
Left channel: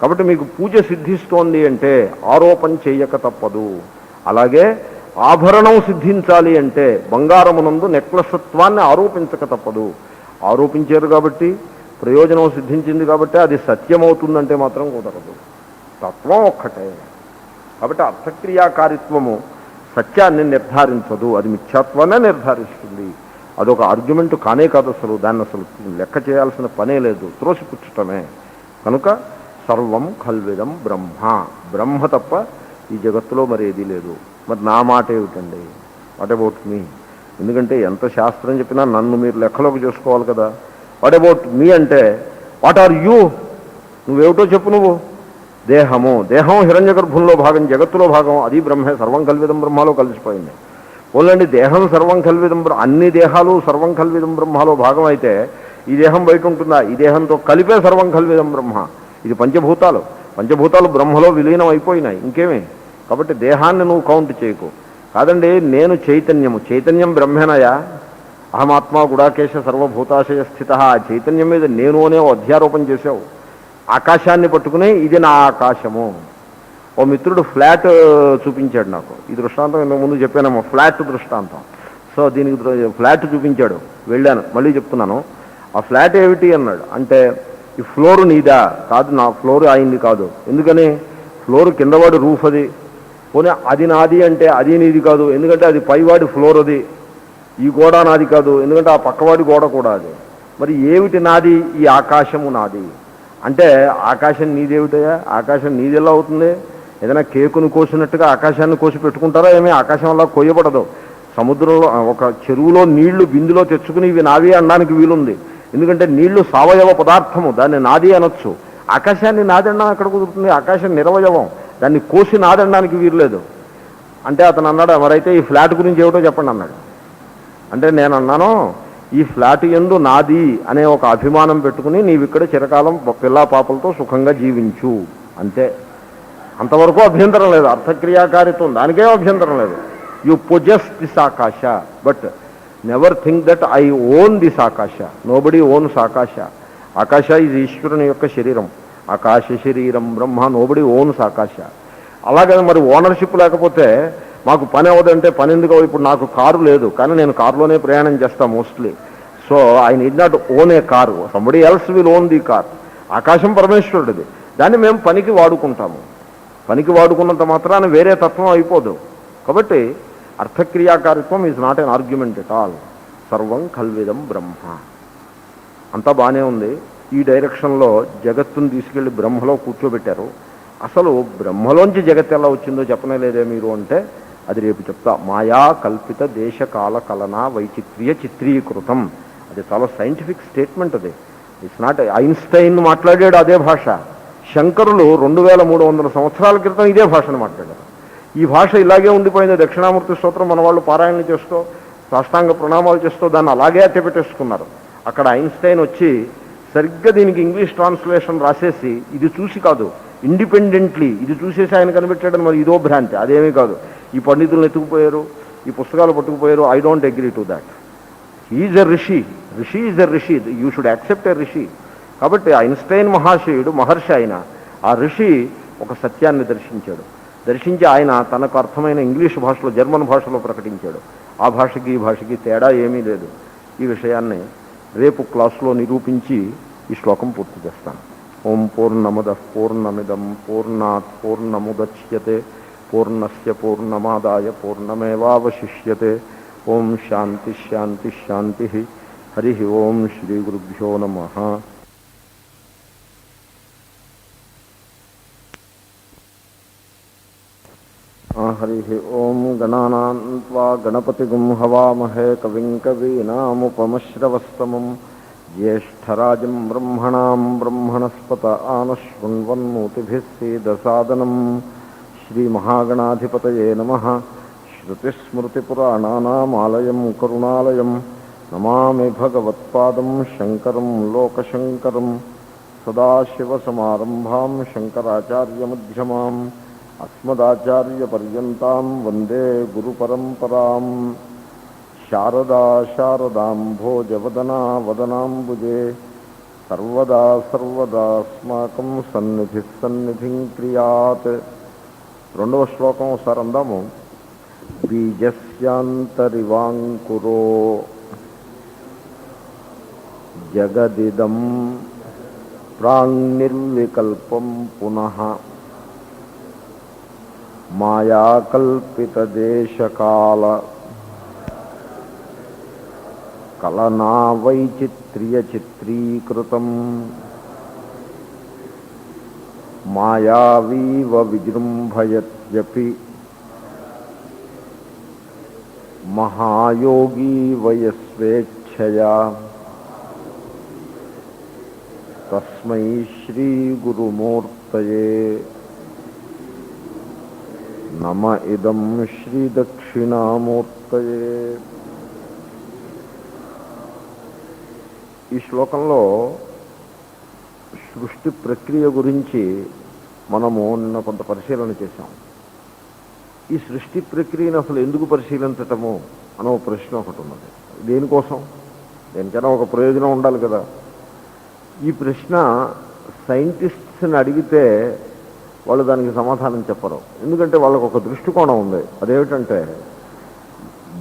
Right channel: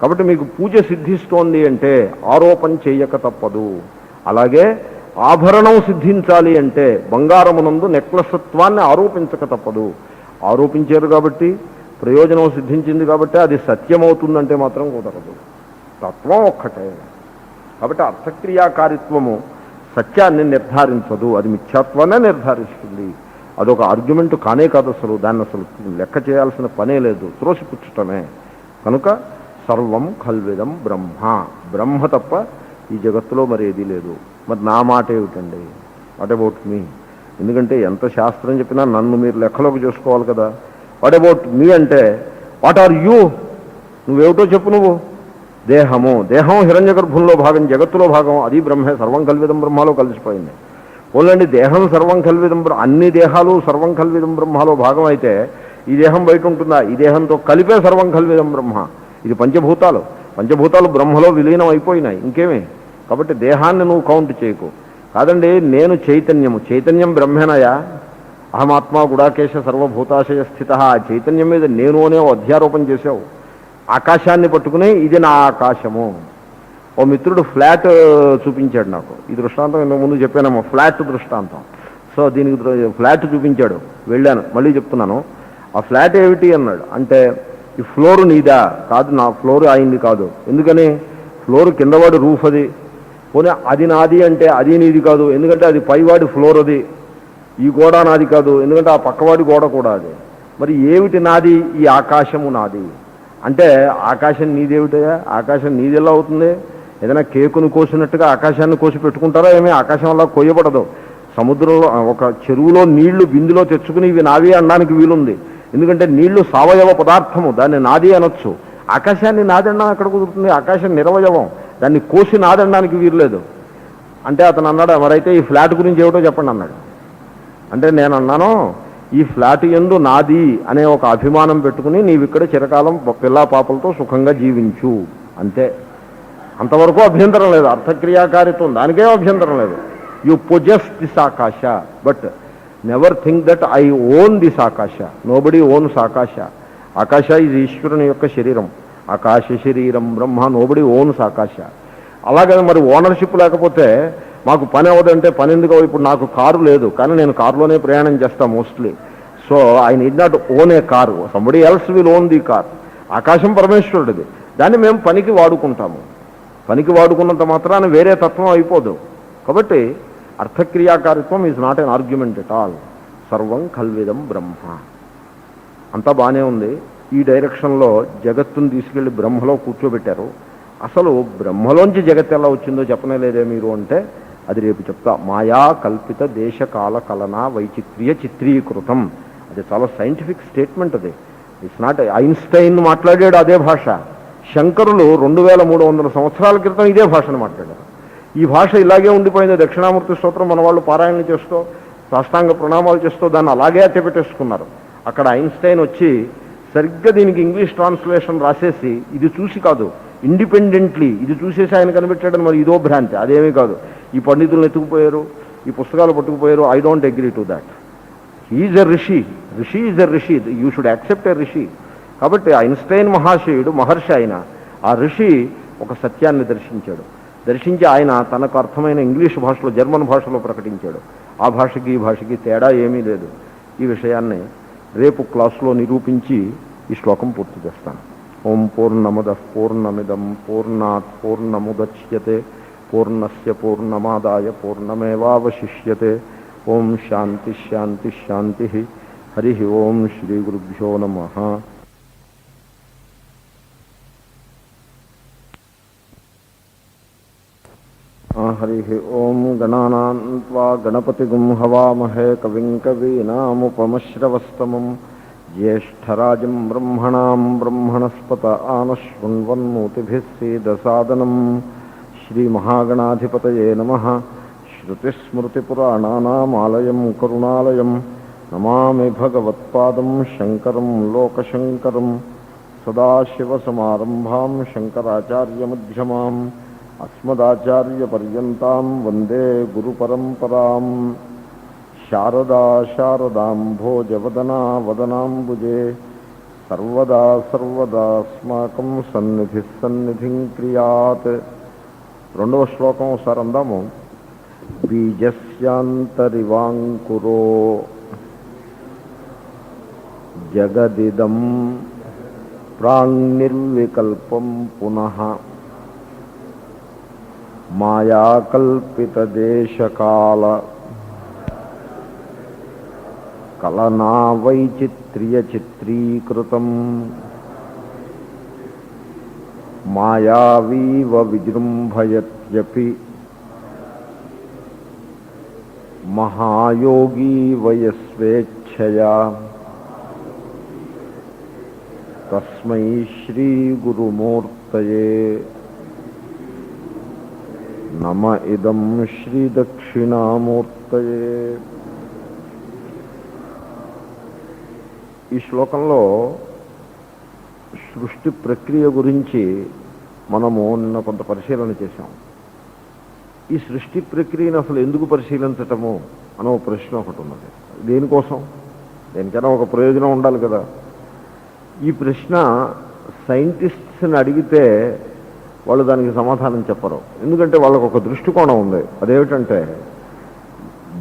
కాబట్టి మీకు పూజ సిద్ధిస్తోంది అంటే ఆరోపణ చేయక తప్పదు. అలాగే ఆభరణం సిద్ధించాలి అంటే బంగారమునందు నెక్లెసత్వాన్ని ఆరోపించక తప్పదు. ఆరోపించారు కాబట్టి ప్రయోజనం సిద్ధించింది కాబట్టి అది సత్యమవుతుందంటే మాత్రం కుదరదు. తత్వం ఒక్కటే. కాబట్టి అర్థక్రియాకారిత్వము సత్యాన్ని నిర్ధారించదు, అది మిథ్యాత్వాన్ని నిర్ధారిస్తుంది. అదొక ఆర్గ్యుమెంట్ కానే కాదు అసలు. దాన్ని అసలు లెక్క చేయాల్సిన పనే లేదు, త్రోసిపుచ్చటమే. కనుక సర్వం ఖల్విదం బ్రహ్మ, బ్రహ్మ తప్ప ఈ జగత్తులో మరి ఏదీ లేదు. మరి నా మాట ఏమిటండి? What about me? ఎందుకంటే ఎంత శాస్త్రం చెప్పినా నన్ను మీరు లెక్కలోకి చేసుకోవాలి కదా. వాట్ అబౌట్ మీ అంటే వాట్ ఆర్ యూ? నువ్వేమిటో చెప్పు. నువ్వు దేహం హిరణ్య గర్భంలో భాగం, జగత్తులో భాగం, అది బ్రహ్మే. సర్వం కల్విదం బ్రహ్మలో కలిసిపోయింది. ఓన్లండి దేహం సర్వం కల్విదం, అన్ని దేహాలు సర్వం కల్విదం బ్రహ్మలో భాగం అయితే ఈ దేహం బయట ఉంటుందా? ఈ దేహంతో కలిపే సర్వం కల్విదం బ్రహ్మ. ఇది పంచభూతాలు బ్రహ్మలో విలీనం అయిపోయినాయి, ఇంకేమి. కాబట్టి దేహాన్ని నువ్వు కౌంట్ చేయకు. కాదండి, నేను చైతన్యం బ్రహ్మేనయా. అహమాత్మ గుడాకేశ సర్వభూతాశయ స్థిత. ఆ చైతన్యం మీద నేను అనే అధ్యారోపణ చేశావు. ఆకాశాన్ని పట్టుకుని ఇది నా ఆకాశము. ఓ మిత్రుడు ఫ్లాట్ చూపించాడు నాకు. ఈ దృష్టాంతం ఇంతకు ముందు చెప్పానేమో, ఫ్లాట్ దృష్టాంతం. సో దీనికి ఫ్లాట్ చూపించాడు, వెళ్ళాను, మళ్ళీ చెప్తున్నాను. ఆ ఫ్లాట్ ఏమిటి అన్నాడు. అంటే ఈ ఫ్లోర్ నీదా? కాదు, నా ఫ్లోర్ అయింది కాదు. ఎందుకని? ఫ్లోర్ కిందవాడు రూఫ్, అది పోనీ అది నాది అంటే అది నీది కాదు, ఎందుకంటే అది పైవాడి ఫ్లోర్, అది. ఈ గోడ నాది కాదు, ఎందుకంటే ఆ పక్కవాడి గోడ కూడా అది. మరి ఏమిటి నాది? ఈ ఆకాశము నాది. అంటే ఆకాశం నీదేమిటయా? ఆకాశం నీది ఎలా అవుతుంది? ఏదైనా కేకును కోసినట్టుగా ఆకాశాన్ని కోసి పెట్టుకుంటారా ఏమీ? ఆకాశం అలా కొయ్యబడదు. సముద్రంలో ఒక చెరువులో నీళ్లు బిందులో తెచ్చుకుని ఇవి నావి అనడానికి వీలుంది. ఎందుకంటే నీళ్లు సావయవ పదార్థము, దాన్ని నాది అనొచ్చు. ఆకాశాన్ని నాదన్నా అక్కడ కుదురుతుంది. ఆకాశం నిరవయవం, దాన్ని కోసి నాదనడానికి వీల్లేదు. అంటే అతను అన్నాడు, మరైతే ఈ ఫ్లాట్ గురించి ఏమిటో చెప్పండి అన్నాడు. అంటే నేను అన్నాను, ఈ ఫ్లాట్ యందు నాది అనే ఒక అభిమానం పెట్టుకుని నీవిక్కడ చిరకాలం పిల్లా పాపలతో సుఖంగా జీవించు అంతే. అంతవరకు అభ్యంతరం లేదు. అర్థక్రియాకారిత్వం దానికే అభ్యంతరం లేదు. యు పొజెస్ దిస్ ఆకాశ, but never think that I own this ఆకాశ. నోబడి ఓన్స్ ఆకాశ. ఆకాశ ఇది ఈశ్వరుని యొక్క శరీరం. ఆకాశ శరీరం బ్రహ్మ, నోబడి ఓన్స్ ఆకాశ. అలాగే మరి ఓనర్షిప్ లేకపోతే మాకు పని అవ్వదంటే పని ఎందుకు? ఇప్పుడు నాకు కారు లేదు, కానీ నేను కారులోనే ప్రయాణం చేస్తాను mostly. So I need not own A car, somebody else will own the car. ఆకాశం పరమేశ్వరుడిది, దాన్ని మేము పనికి వాడుకుంటాము. పనికి వాడుకున్నంత మాత్రాన వేరే తత్వం అయిపోదు. కాబట్టి arthakriyakaritvam is not an argument at all. సర్వం కల్విదం బ్రహ్మ. అంతా బాగానే ఉంది. ఈ డైరెక్షన్లో జగత్తును తీసుకెళ్లి బ్రహ్మలో కూర్చోబెట్టారు. అసలు బ్రహ్మలోంచి జగత్ ఎలా వచ్చిందో చెప్పనే లేదే మీరు అంటే, అది రేపు చెప్తా. మాయా కల్పిత దేశకాల కలనా వైచిత్ర్య చిత్రీకృతం. అది చాలా సైంటిఫిక్ స్టేట్మెంట్. అది ఇట్స్ నాట్. ఐన్స్టైన్ మాట్లాడాడు అదే భాష. శంకరులు 2300 సంవత్సరాల క్రితం ఇదే భాషను మాట్లాడారు. ఈ భాష ఇలాగే ఉండిపోయింది. దక్షిణామూర్తి స్తోత్రం మన వాళ్ళు పారాయణ చేస్తూ సాష్టాంగ ప్రణామాలు చేస్తూ దాన్ని అలాగే అట్టపెట్టేసుకున్నారు. అక్కడ ఐన్స్టైన్ వచ్చి సరిగ్గా దీనికి ఇంగ్లీష్ ట్రాన్స్లేషన్ రాసేసి, ఇది చూసి కాదు, ఇండిపెండెంట్లీ ఇది చూసేసి ఆయన కనిపెట్టాడని మరి ఇదో భ్రాంతి. అదేమీ కాదు. ఈ పండితులను ఎత్తుకుపోయారు, ఈ పుస్తకాలు పట్టుకుపోయారు. I don't agree to that. Is a rishi. Rishi is a ఋషి. యూ షుడ్ యాక్సెప్ట్ ఎ ఋషి. కాబట్టి ఐన్స్టైన్ మహాశయుడు, మహర్షి. ఆయన ఆ ఋషి ఒక సత్యాన్ని దర్శించి ఆయన తనకు అర్థమైన ఇంగ్లీష్ భాషలో, జర్మన్ భాషలో ప్రకటించాడు. ఆ భాషకి ఈ భాషకి తేడా ఏమీ లేదు. ఈ విషయాన్ని రేపు క్లాసులో నిరూపించి ఈ శ్లోకం పూర్తి చేస్తాను. ఓం పూర్ణమద పూర్ణమిదం పూర్ణాత్ పూర్ణముదచ్యతే పూర్ణస్య పూర్ణమాదాయ పూర్ణమేవావశిష్యతే. ఓం శాంతి శాంతి శాంతి. హరి ఓం శ్రీ గురుభ్యో నమః. హరి ఓం. గణానాం త్వా గణపతిగుం హవామహే కవిం కవీనాముపమశ్రవస్తమం జ్యేష్ఠరాజం బ్రహ్మణాం బ్రహ్మణస్పత ఆనశృణ్వన్నోతిభిः సేదసాదనం. శ్రీమహాగణాధిపతయే నమః. శృతిస్మృతిపురాణానామాలయం కరుణాలయం నమామి భగవత్పాదం శంకరం లోకశంకరం. సదాశివసమారంభాం శంకరాచార్యమధ్యమాం అస్మదాచార్యపర్యంతాం వందే గురుపరంపరాం. శారదా శారదాంభోజవదనా వదనాంబుజే సర్వదా సర్వదాస్మాకం సన్నిధిః సన్నిధిం క్రియాత్. రెండవ శ్లోకం ఒకసారి అందాము. బీజస్యాంతరివాంకురో జగదిదం ప్రాణిర్వికల్పం పునః మాయాకల్పితదేశకాల కలనా వైచిత్ర్య చిత్రీకృతం. మాయావీవ విజృంభయత్యపి మహాయోగీ వయస్వేచ్ఛయా. తస్మై శ్రీ గురుమూర్తయే నమ. ఇదం శ్రీ దక్షిణామూర్తయే. ఈ శ్లోకంలో సృష్టి ప్రక్రియ గురించి మనము నిన్న కొంత పరిశీలన చేశాం. ఈ సృష్టి ప్రక్రియను అసలు ఎందుకు పరిశీలించటము అనే ఒక ప్రశ్న ఒకటి ఉన్నది. దేనికోసం? దేనికైనా ఒక ప్రయోజనం ఉండాలి కదా. ఈ ప్రశ్న సైంటిస్ట్స్ని అడిగితే వాళ్ళు దానికి సమాధానం చెప్పరు. ఎందుకంటే వాళ్ళకు ఒక దృష్టికోణం ఉంది. అదేమిటంటే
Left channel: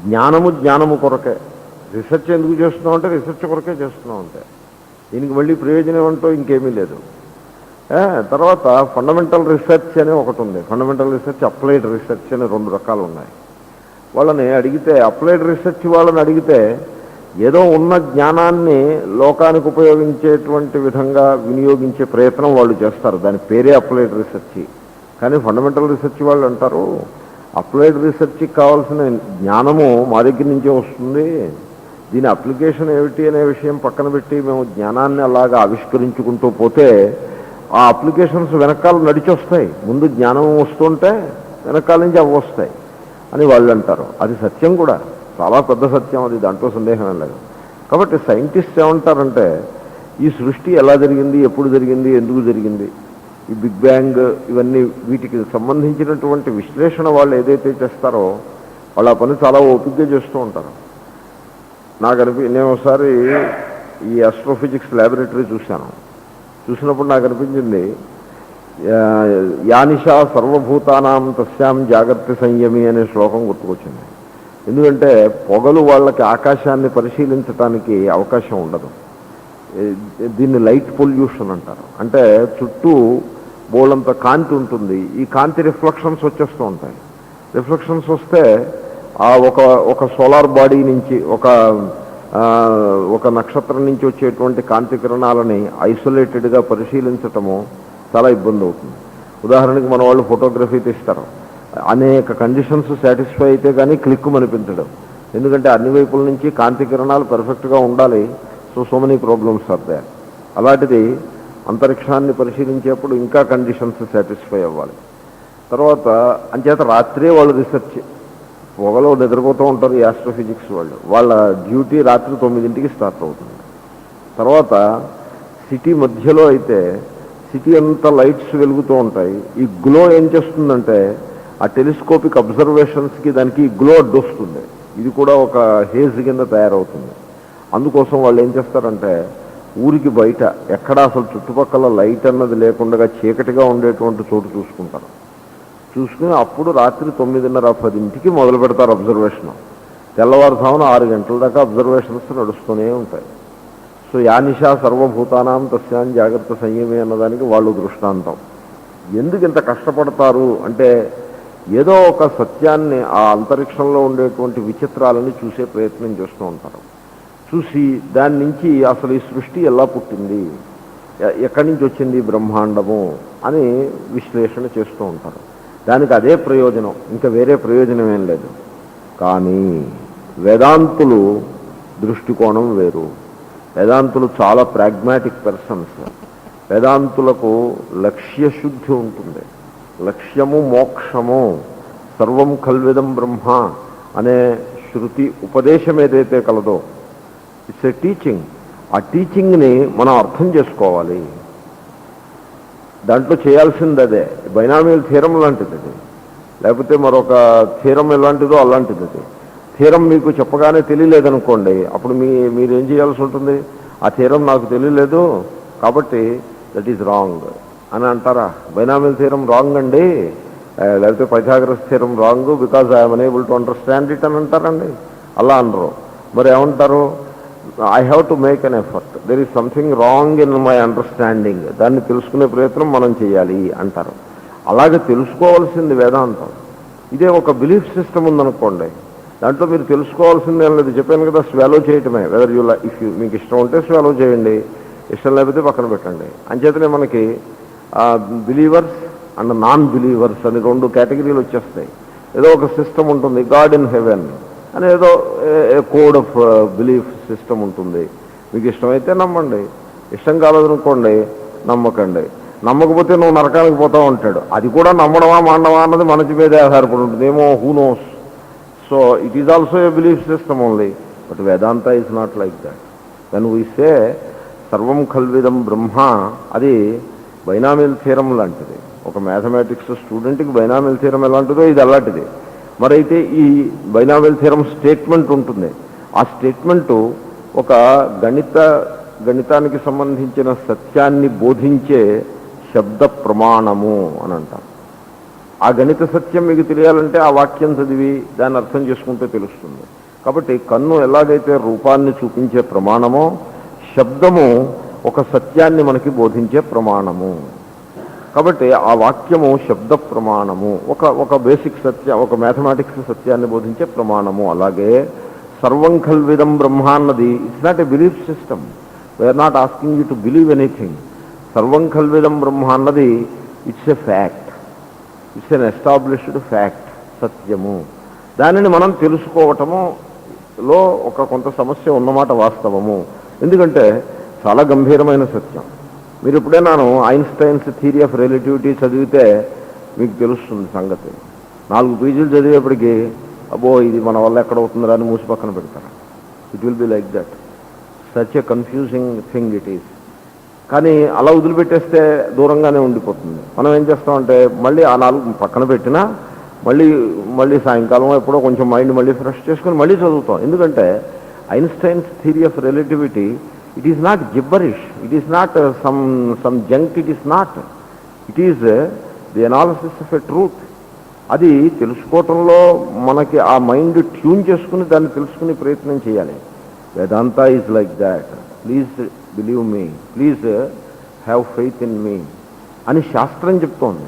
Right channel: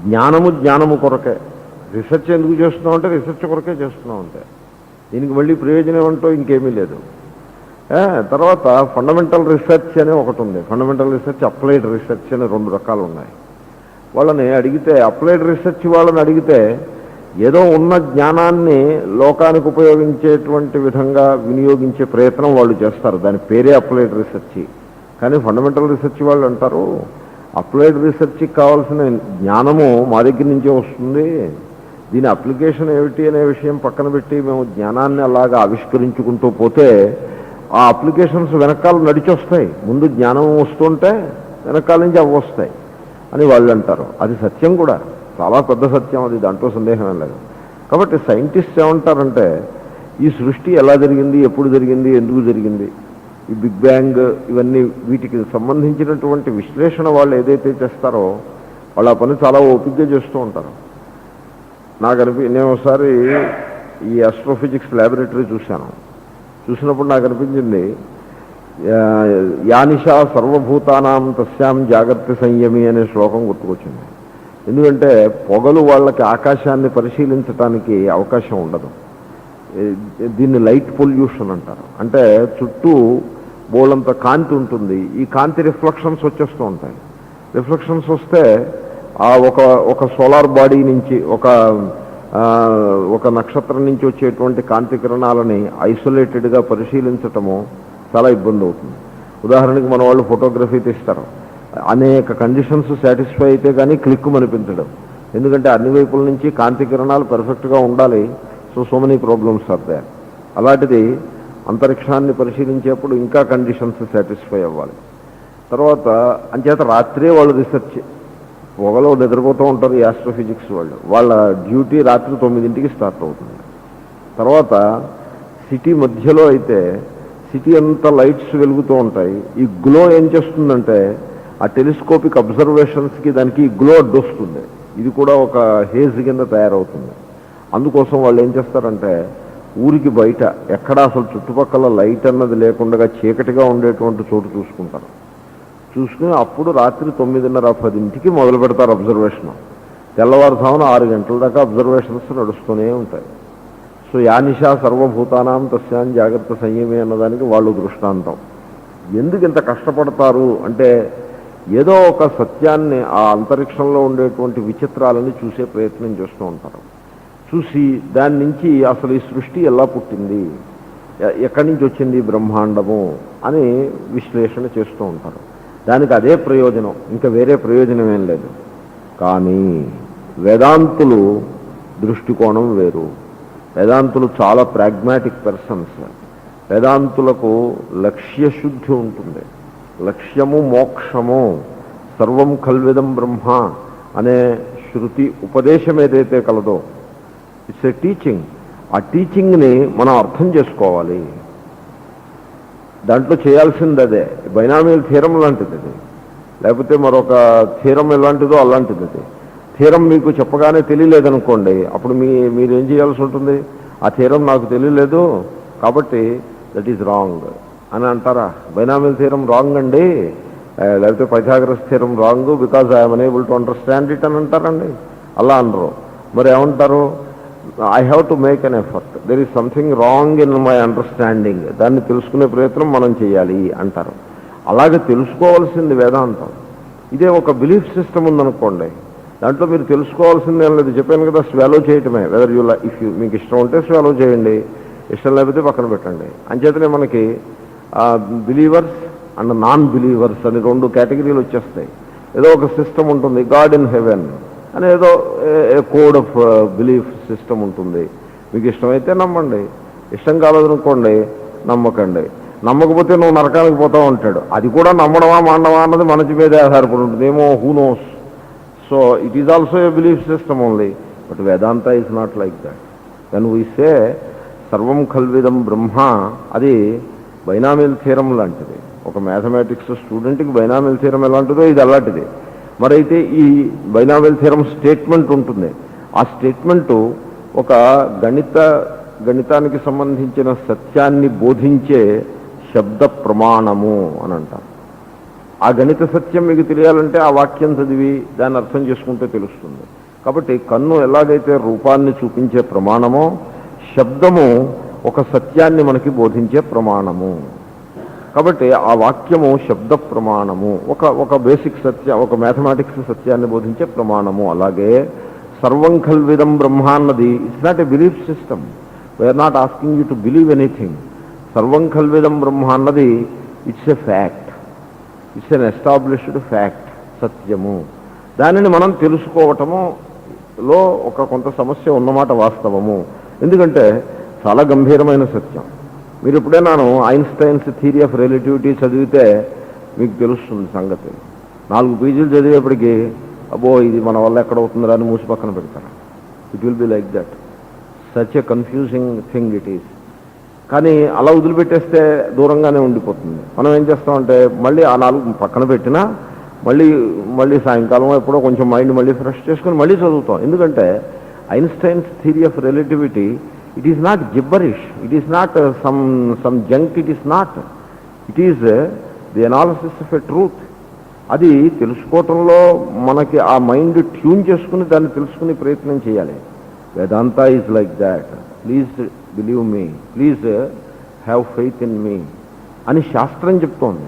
జ్ఞానము కొరకే. రీసెర్చ్ ఎందుకు చేస్తున్నాం అంటే రీసెర్చ్ కొరకే చేస్తున్నాం. అంటే దీనికి మళ్ళీ ప్రయోజనం ఏమంటో ఇంకేమీ లేదు. తర్వాత ఫండమెంటల్ రీసెర్చ్ అనే ఒకటి ఉంది. ఫండమెంటల్ రీసెర్చ్, అప్లైడ్ రీసెర్చ్ అనే 2 రకాలు ఉన్నాయి. వాళ్ళని అడిగితే, అప్లైడ్ రీసెర్చ్ వాళ్ళని అడిగితే ఏదో ఉన్న జ్ఞానాన్ని లోకానికి ఉపయోగించేటువంటి విధంగా వినియోగించే ప్రయత్నం వాళ్ళు చేస్తారు. దాని పేరే అప్లైడ్ రీసెర్చ్. కానీ ఫండమెంటల్ రీసెర్చ్ వాళ్ళు అంటారు అప్లైడ్ రీసెర్చ్కి కావాల్సిన జ్ఞానము మా దగ్గర నుంచే వస్తుంది, దీని అప్లికేషన్ ఏమిటి అనే విషయం పక్కన పెట్టి మేము జ్ఞానాన్ని అలాగా ఆవిష్కరించుకుంటూ పోతే ఆ అప్లికేషన్స్ వెనకాల నడిచి వస్తాయి, ముందు జ్ఞానం వస్తుంటే వెనకాల నుంచి అవి వస్తాయి అని వాళ్ళు అంటారు. అది సత్యం కూడా, చాలా పెద్ద సత్యం అది, దాంట్లో సందేహం లేదు. కాబట్టి సైంటిస్ట్ ఏమంటారంటే ఈ సృష్టి ఎలా జరిగింది, ఎప్పుడు జరిగింది, ఎందుకు జరిగింది, ఈ బిగ్ బ్యాంగ్ ఇవన్నీ వీటికి సంబంధించినటువంటి విశ్లేషణ వాళ్ళు ఏదైతే చేస్తారో వాళ్ళ పని చాలా ఓపికగా చేస్తూ ఉంటారు. నేను ఒకసారి ఈ ఆస్ట్రోఫిజిక్స్ ల్యాబొరేటరీ చూసినప్పుడు నాకు అనిపించింది యానిషా సర్వభూతానాం తస్యాం జాగ్రత్త సంయమి అనే శ్లోకం గుర్తుకొచ్చింది. ఎందుకంటే పొగలు వాళ్ళకి ఆకాశాన్ని పరిశీలించడానికి అవకాశం ఉండదు. దీన్ని లైట్ పొల్యూషన్ అంటారు. అంటే చుట్టూ బోలంత కాంతి ఉంటుంది, ఈ కాంతి రిఫ్లెక్షన్స్ వచ్చేస్తూ ఉంటాయి. రిఫ్లెక్షన్స్ వస్తే ఆ ఒక సోలార్ బాడీ నుంచి ఒక నక్షత్రం నుంచి వచ్చేటువంటి కాంతి కిరణాలని ఐసోలేటెడ్గా పరిశీలించటము చాలా ఇబ్బంది అవుతుంది. ఉదాహరణకి మన వాళ్ళు ఫోటోగ్రఫీ తీస్తారు, అనేక కండిషన్స్ సాటిస్ఫై అయితే కానీ క్లిక్ అనిపించడం, ఎందుకంటే అన్ని వైపుల నుంచి కాంతి కిరణాలు పర్ఫెక్ట్గా ఉండాలి. So many problems are there. అలాంటిది అంతరిక్షాన్ని పరిశీలించేప్పుడు ఇంకా కండిషన్స్ సాటిస్ఫై అవ్వాలి. తర్వాత అంచేత రాత్రే వాళ్ళు రీసెర్చ్, పొగలో నిద్రపోతూ ఉంటారు ఈ ఆస్ట్రోఫిజిక్స్ వాళ్ళు, వాళ్ళ డ్యూటీ రాత్రి 9ంటికి స్టార్ట్ అవుతుంది. తర్వాత సిటీ మధ్యలో అయితే సిటీ అంతా లైట్స్ వెలుగుతూ ఉంటాయి. ఈ గ్లో ఏం చేస్తుందంటే ఆ టెలిస్కోపిక్ అబ్జర్వేషన్స్కి దానికి గ్లో అడ్డొస్తుంది. ఇది కూడా ఒక హేజ్ కింద తయారవుతుంది. అందుకోసం వాళ్ళు ఏం చేస్తారంటే ఊరికి బయట ఎక్కడ అసలు చుట్టుపక్కల లైట్ అన్నది లేకుండా చీకటిగా ఉండేటువంటి చోటు చూసుకుని అప్పుడు రాత్రి 9:30-10ంటికి మొదలు పెడతారు అబ్జర్వేషన్. తెల్లవారుజామున 6 గంటల దాకా అబ్జర్వేషన్స్ నడుస్తూనే ఉంటాయి. సో యానిషా సర్వభూతానాం తస్యాం జాగ్రత్త సంయమి అన్నదానికి వాళ్ళు దృష్టాంతం. ఎందుకు ఇంత కష్టపడతారు అంటే ఏదో ఒక సత్యాన్ని, ఆ అంతరిక్షంలో ఉండేటువంటి విచిత్రాలని చూసే ప్రయత్నం చేస్తూ ఉంటారు. చూసి దాని నుంచి అసలు ఈ సృష్టి ఎలా పుట్టింది, ఎక్కడి నుంచి వచ్చింది బ్రహ్మాండము అని విశ్లేషణ చేస్తూ ఉంటారు. దానికి అదే ప్రయోజనం, ఇంకా వేరే ప్రయోజనం ఏం లేదు. కానీ వేదాంతులు దృష్టికోణం వేరు. వేదాంతులు చాలా ప్రాగ్మాటిక్ పర్సన్స్. వేదాంతులకు లక్ష్యశుద్ధి ఉంటుంది. లక్ష్యము మోక్షము, సర్వం కల్విదం బ్రహ్మ అనే శృతి ఉపదేశం ఏదైతే కలదో ఇట్స్ ఏ టీచింగ్. ఆ టీచింగ్ని మనం అర్థం చేసుకోవాలి. దాంట్లో చేయాల్సింది అదే. బైనామియల్ థీరం లాంటిది అది, లేకపోతే మరొక థీరం ఎలాంటిదో అలాంటిది అది. థీరం మీకు చెప్పగానే తెలియలేదనుకోండి, అప్పుడు మీరేం చేయాల్సి ఉంటుంది, ఆ థీరం నాకు తెలియలేదు కాబట్టి దట్ ఈజ్ రాంగ్ అని అంటారా? బైనామియల్ థీరం రాంగ్ అండి, లేకపోతే Pythagoras theorem wrong because I'm unable to understand it అని అంటారండి. అలా అనరు. మరి ఏమంటారు? I have to make an effort, there is something wrong in my understanding, దాన్ని తెలుసుకునే ప్రయత్నం మనం చేయాలి అంటారు. అలాగే తెలుసుకోవాల్సింది వేదాంతం. ఇదే ఒక బిలీఫ్ సిస్టమ్ ఉందనుకోండి, దాంట్లో మీరు తెలుసుకోవాల్సింది ఏం లేదు. చెప్పాను కదా, స్వాలో చేయటమే. వెదర్ మీకు ఇష్టం ఉంటే స్వాలో చేయండి, ఇష్టం లేకపోతే పక్కన పెట్టండి. అంచేతనే మనకి బిలీవర్స్ అండ్ నాన్ బిలీవర్స్ అని 2 కేటగిరీలు వచ్చేస్తాయి. ఏదో ఒక సిస్టమ్ ఉంటుంది, గాడ్ ఇన్ హెవెన్ అని ఏదో కోడ్ ఆఫ్ బిలీఫ్ సిస్టమ్ ఉంటుంది. మీకు ఇష్టమైతే నమ్మండి, ఇష్టం కాలేదనుకోండి నమ్మకండి. నమ్మకపోతే నువ్వు నరకానికి పోతావు అంటాడు. అది కూడా నమ్మడమా మాండమా అన్నది మనకి మీదే ఆధారపడి ఉంటుంది, ఏమో who knows. So it is also a belief system only, but Vedanta is not like that. Then we say సర్వం కల్విదం బ్రహ్మ, అది బైనామియల్ థీరం లాంటిది. ఒక మ్యాథమెటిక్స్ స్టూడెంట్కి బైనామియల్ థీరం ఎలాంటిదో ఇది అలాంటిది. మరైతే ఈ బైనామియల్ థీరం స్టేట్మెంట్ ఉంటుంది. ఆ స్టేట్మెంటు ఒక గణితానికి సంబంధించిన సత్యాన్ని బోధించే శబ్ద ప్రమాణము అని అంటారు. ఆ గణిత సత్యం మీకు తెలియాలంటే ఆ వాక్యం చదివి దాన్ని అర్థం చేసుకుంటే తెలుస్తుంది. కాబట్టి కన్ను ఎలాగైతే రూపాన్ని చూపించే ప్రమాణమో, శబ్దము ఒక సత్యాన్ని మనకి బోధించే ప్రమాణము. కాబట్టి ఆ వాక్యము శబ్ద ప్రమాణము, ఒక బేసిక్ సత్యం, ఒక మ్యాథమెటిక్స్ సత్యాన్ని బోధించే ప్రమాణము. అలాగే సర్వం కల్విదం బ్రహ్మ అన్నది it's not a belief system. We are not asking you to believe anything. సర్వం కల్విదం బ్రహ్మ అన్నది it's a fact. It's an established fact, సత్యము. దానిని మనం తెలుసుకోవటములో కొంత సమస్య ఉన్నమాట వాస్తవము. ఎందుకంటే చాలా గంభీరమైన సత్యం. మీరు ఎప్పుడైనా ఐన్స్టైన్స్ థియరీ ఆఫ్ రిలేటివిటీ చదివితే మీకు తెలుస్తుంది సంగతి. 4 పేజీలు చదివేప్పటికీ అబ్బో ఇది మన వల్ల ఎక్కడ అవుతుందా అని మూసి పక్కన పెడతారు. It will be like that. Such a confusing thing it is. కానీ అలా వదిలిపెట్టేస్తే దూరంగానే ఉండిపోతుంది. మనం ఏం చేస్తామంటే మళ్ళీ ఆ 4 పక్కన పెట్టినా మళ్ళీ సాయంకాలం ఎప్పుడో కొంచెం మైండ్ మళ్ళీ ఫ్రెష్ చేసుకుని మళ్ళీ చదువుతాం. ఎందుకంటే Einstein's theory of relativity it is not gibberish, it is not some junk, it is not, it is the analysis of a truth. అది తెలుసుకోవటంలో మనకి ఆ మైండ్ ట్యూన్ చేసుకుని దాన్ని తెలుసుకునే ప్రయత్నం చేయాలి. Vedanta is like that. Please believe me, please have faith in me అని శాస్త్రం చెప్తోంది.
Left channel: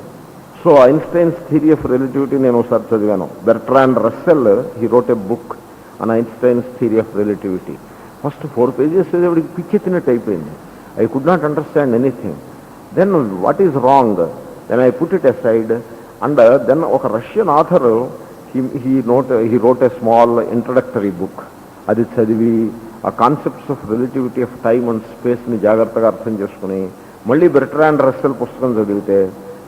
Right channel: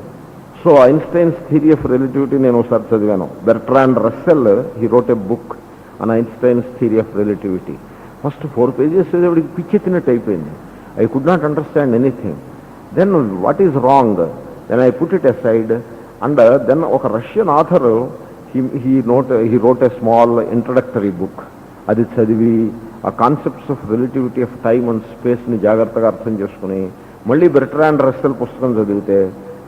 So Einstein's theory of relativity నేను ఒకసారి చదివాను. Bertrand Russell he wrote a book on Einstein's theory of relativity. First 4 pages చదివేవాడికి పిచ్చెత్తినట్టు అయిపోయింది. I could not understand anything. Then what is wrong, then I put it aside. And then ఒక Russian author he wrote a small introductory book. అది చదివి ఆ concepts of relativity of time and స్పేస్ని జాగ్రత్తగా అర్థం చేసుకుని మళ్ళీ బెర్ట్రాండ్ రస్సెల్ పుస్తకం చదివితే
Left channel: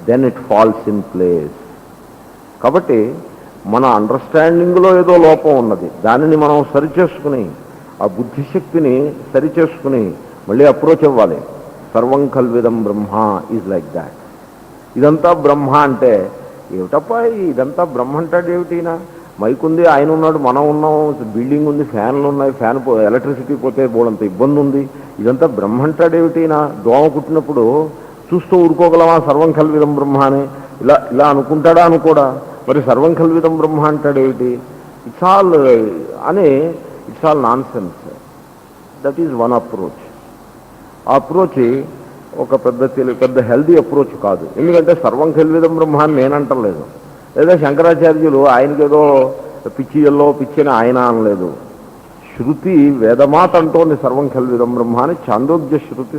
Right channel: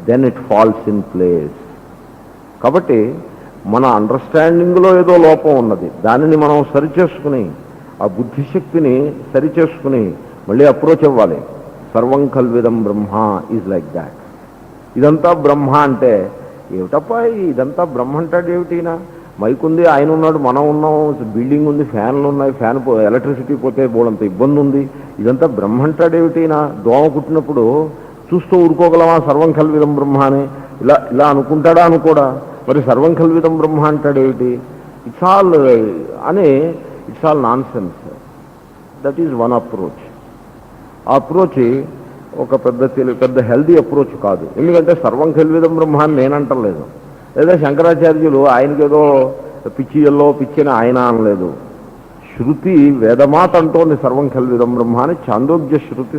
then it falls in place. కాబట్టి మన అండర్స్టాండింగ్లో ఏదో లోపం ఉన్నది. దానిని మనం సరిచేసుకుని ఆ బుద్ధిశక్తిని సరిచేసుకుని మళ్ళీ అప్రోచ్ అవ్వాలి. సర్వం కల్విదం బ్రహ్మ ఈజ్ లైక్ దాట్. ఇదంతా బ్రహ్మ అంటే ఏమిటప్ప, ఇదంతా బ్రహ్మ అంటాడు ఏమిటినా? మైక్ ఉంది, ఆయన ఉన్నాడు, మనం ఉన్నాం, బిల్డింగ్ ఉంది, ఫ్యాన్లు ఉన్నాయి, ఎలక్ట్రిసిటీ పోతే బోడంత ఇబ్బంది ఉంది, ఇదంతా బ్రహ్మ అంటాడు ఏమిటినా? దోమ కుట్టినప్పుడు చూస్తూ ఊరుకోగలమా సర్వం కల్విదం బ్రహ్మ అని? ఇలా అనుకుంటాడా అనుకోడా? మరి సర్వం కల్విదం బ్రహ్మ అంటాడు ఏమిటి? It's all non sense. That is one approach. ఆ అప్రోచ్ ఒక పెద్ద హెల్దీ అప్రోచ్ కాదు. ఎందుకంటే సర్వం కల్విదం బ్రహ్మ అని నేనంటలేదు. లేదా శంకరాచార్యులు ఆయనకేదో పిచ్చిని ఆయన అనలేదు. శృతి వేదమాత అంటోంది సర్వం కల్విదం బ్రహ్మ అని. చాందోగ్య శృతి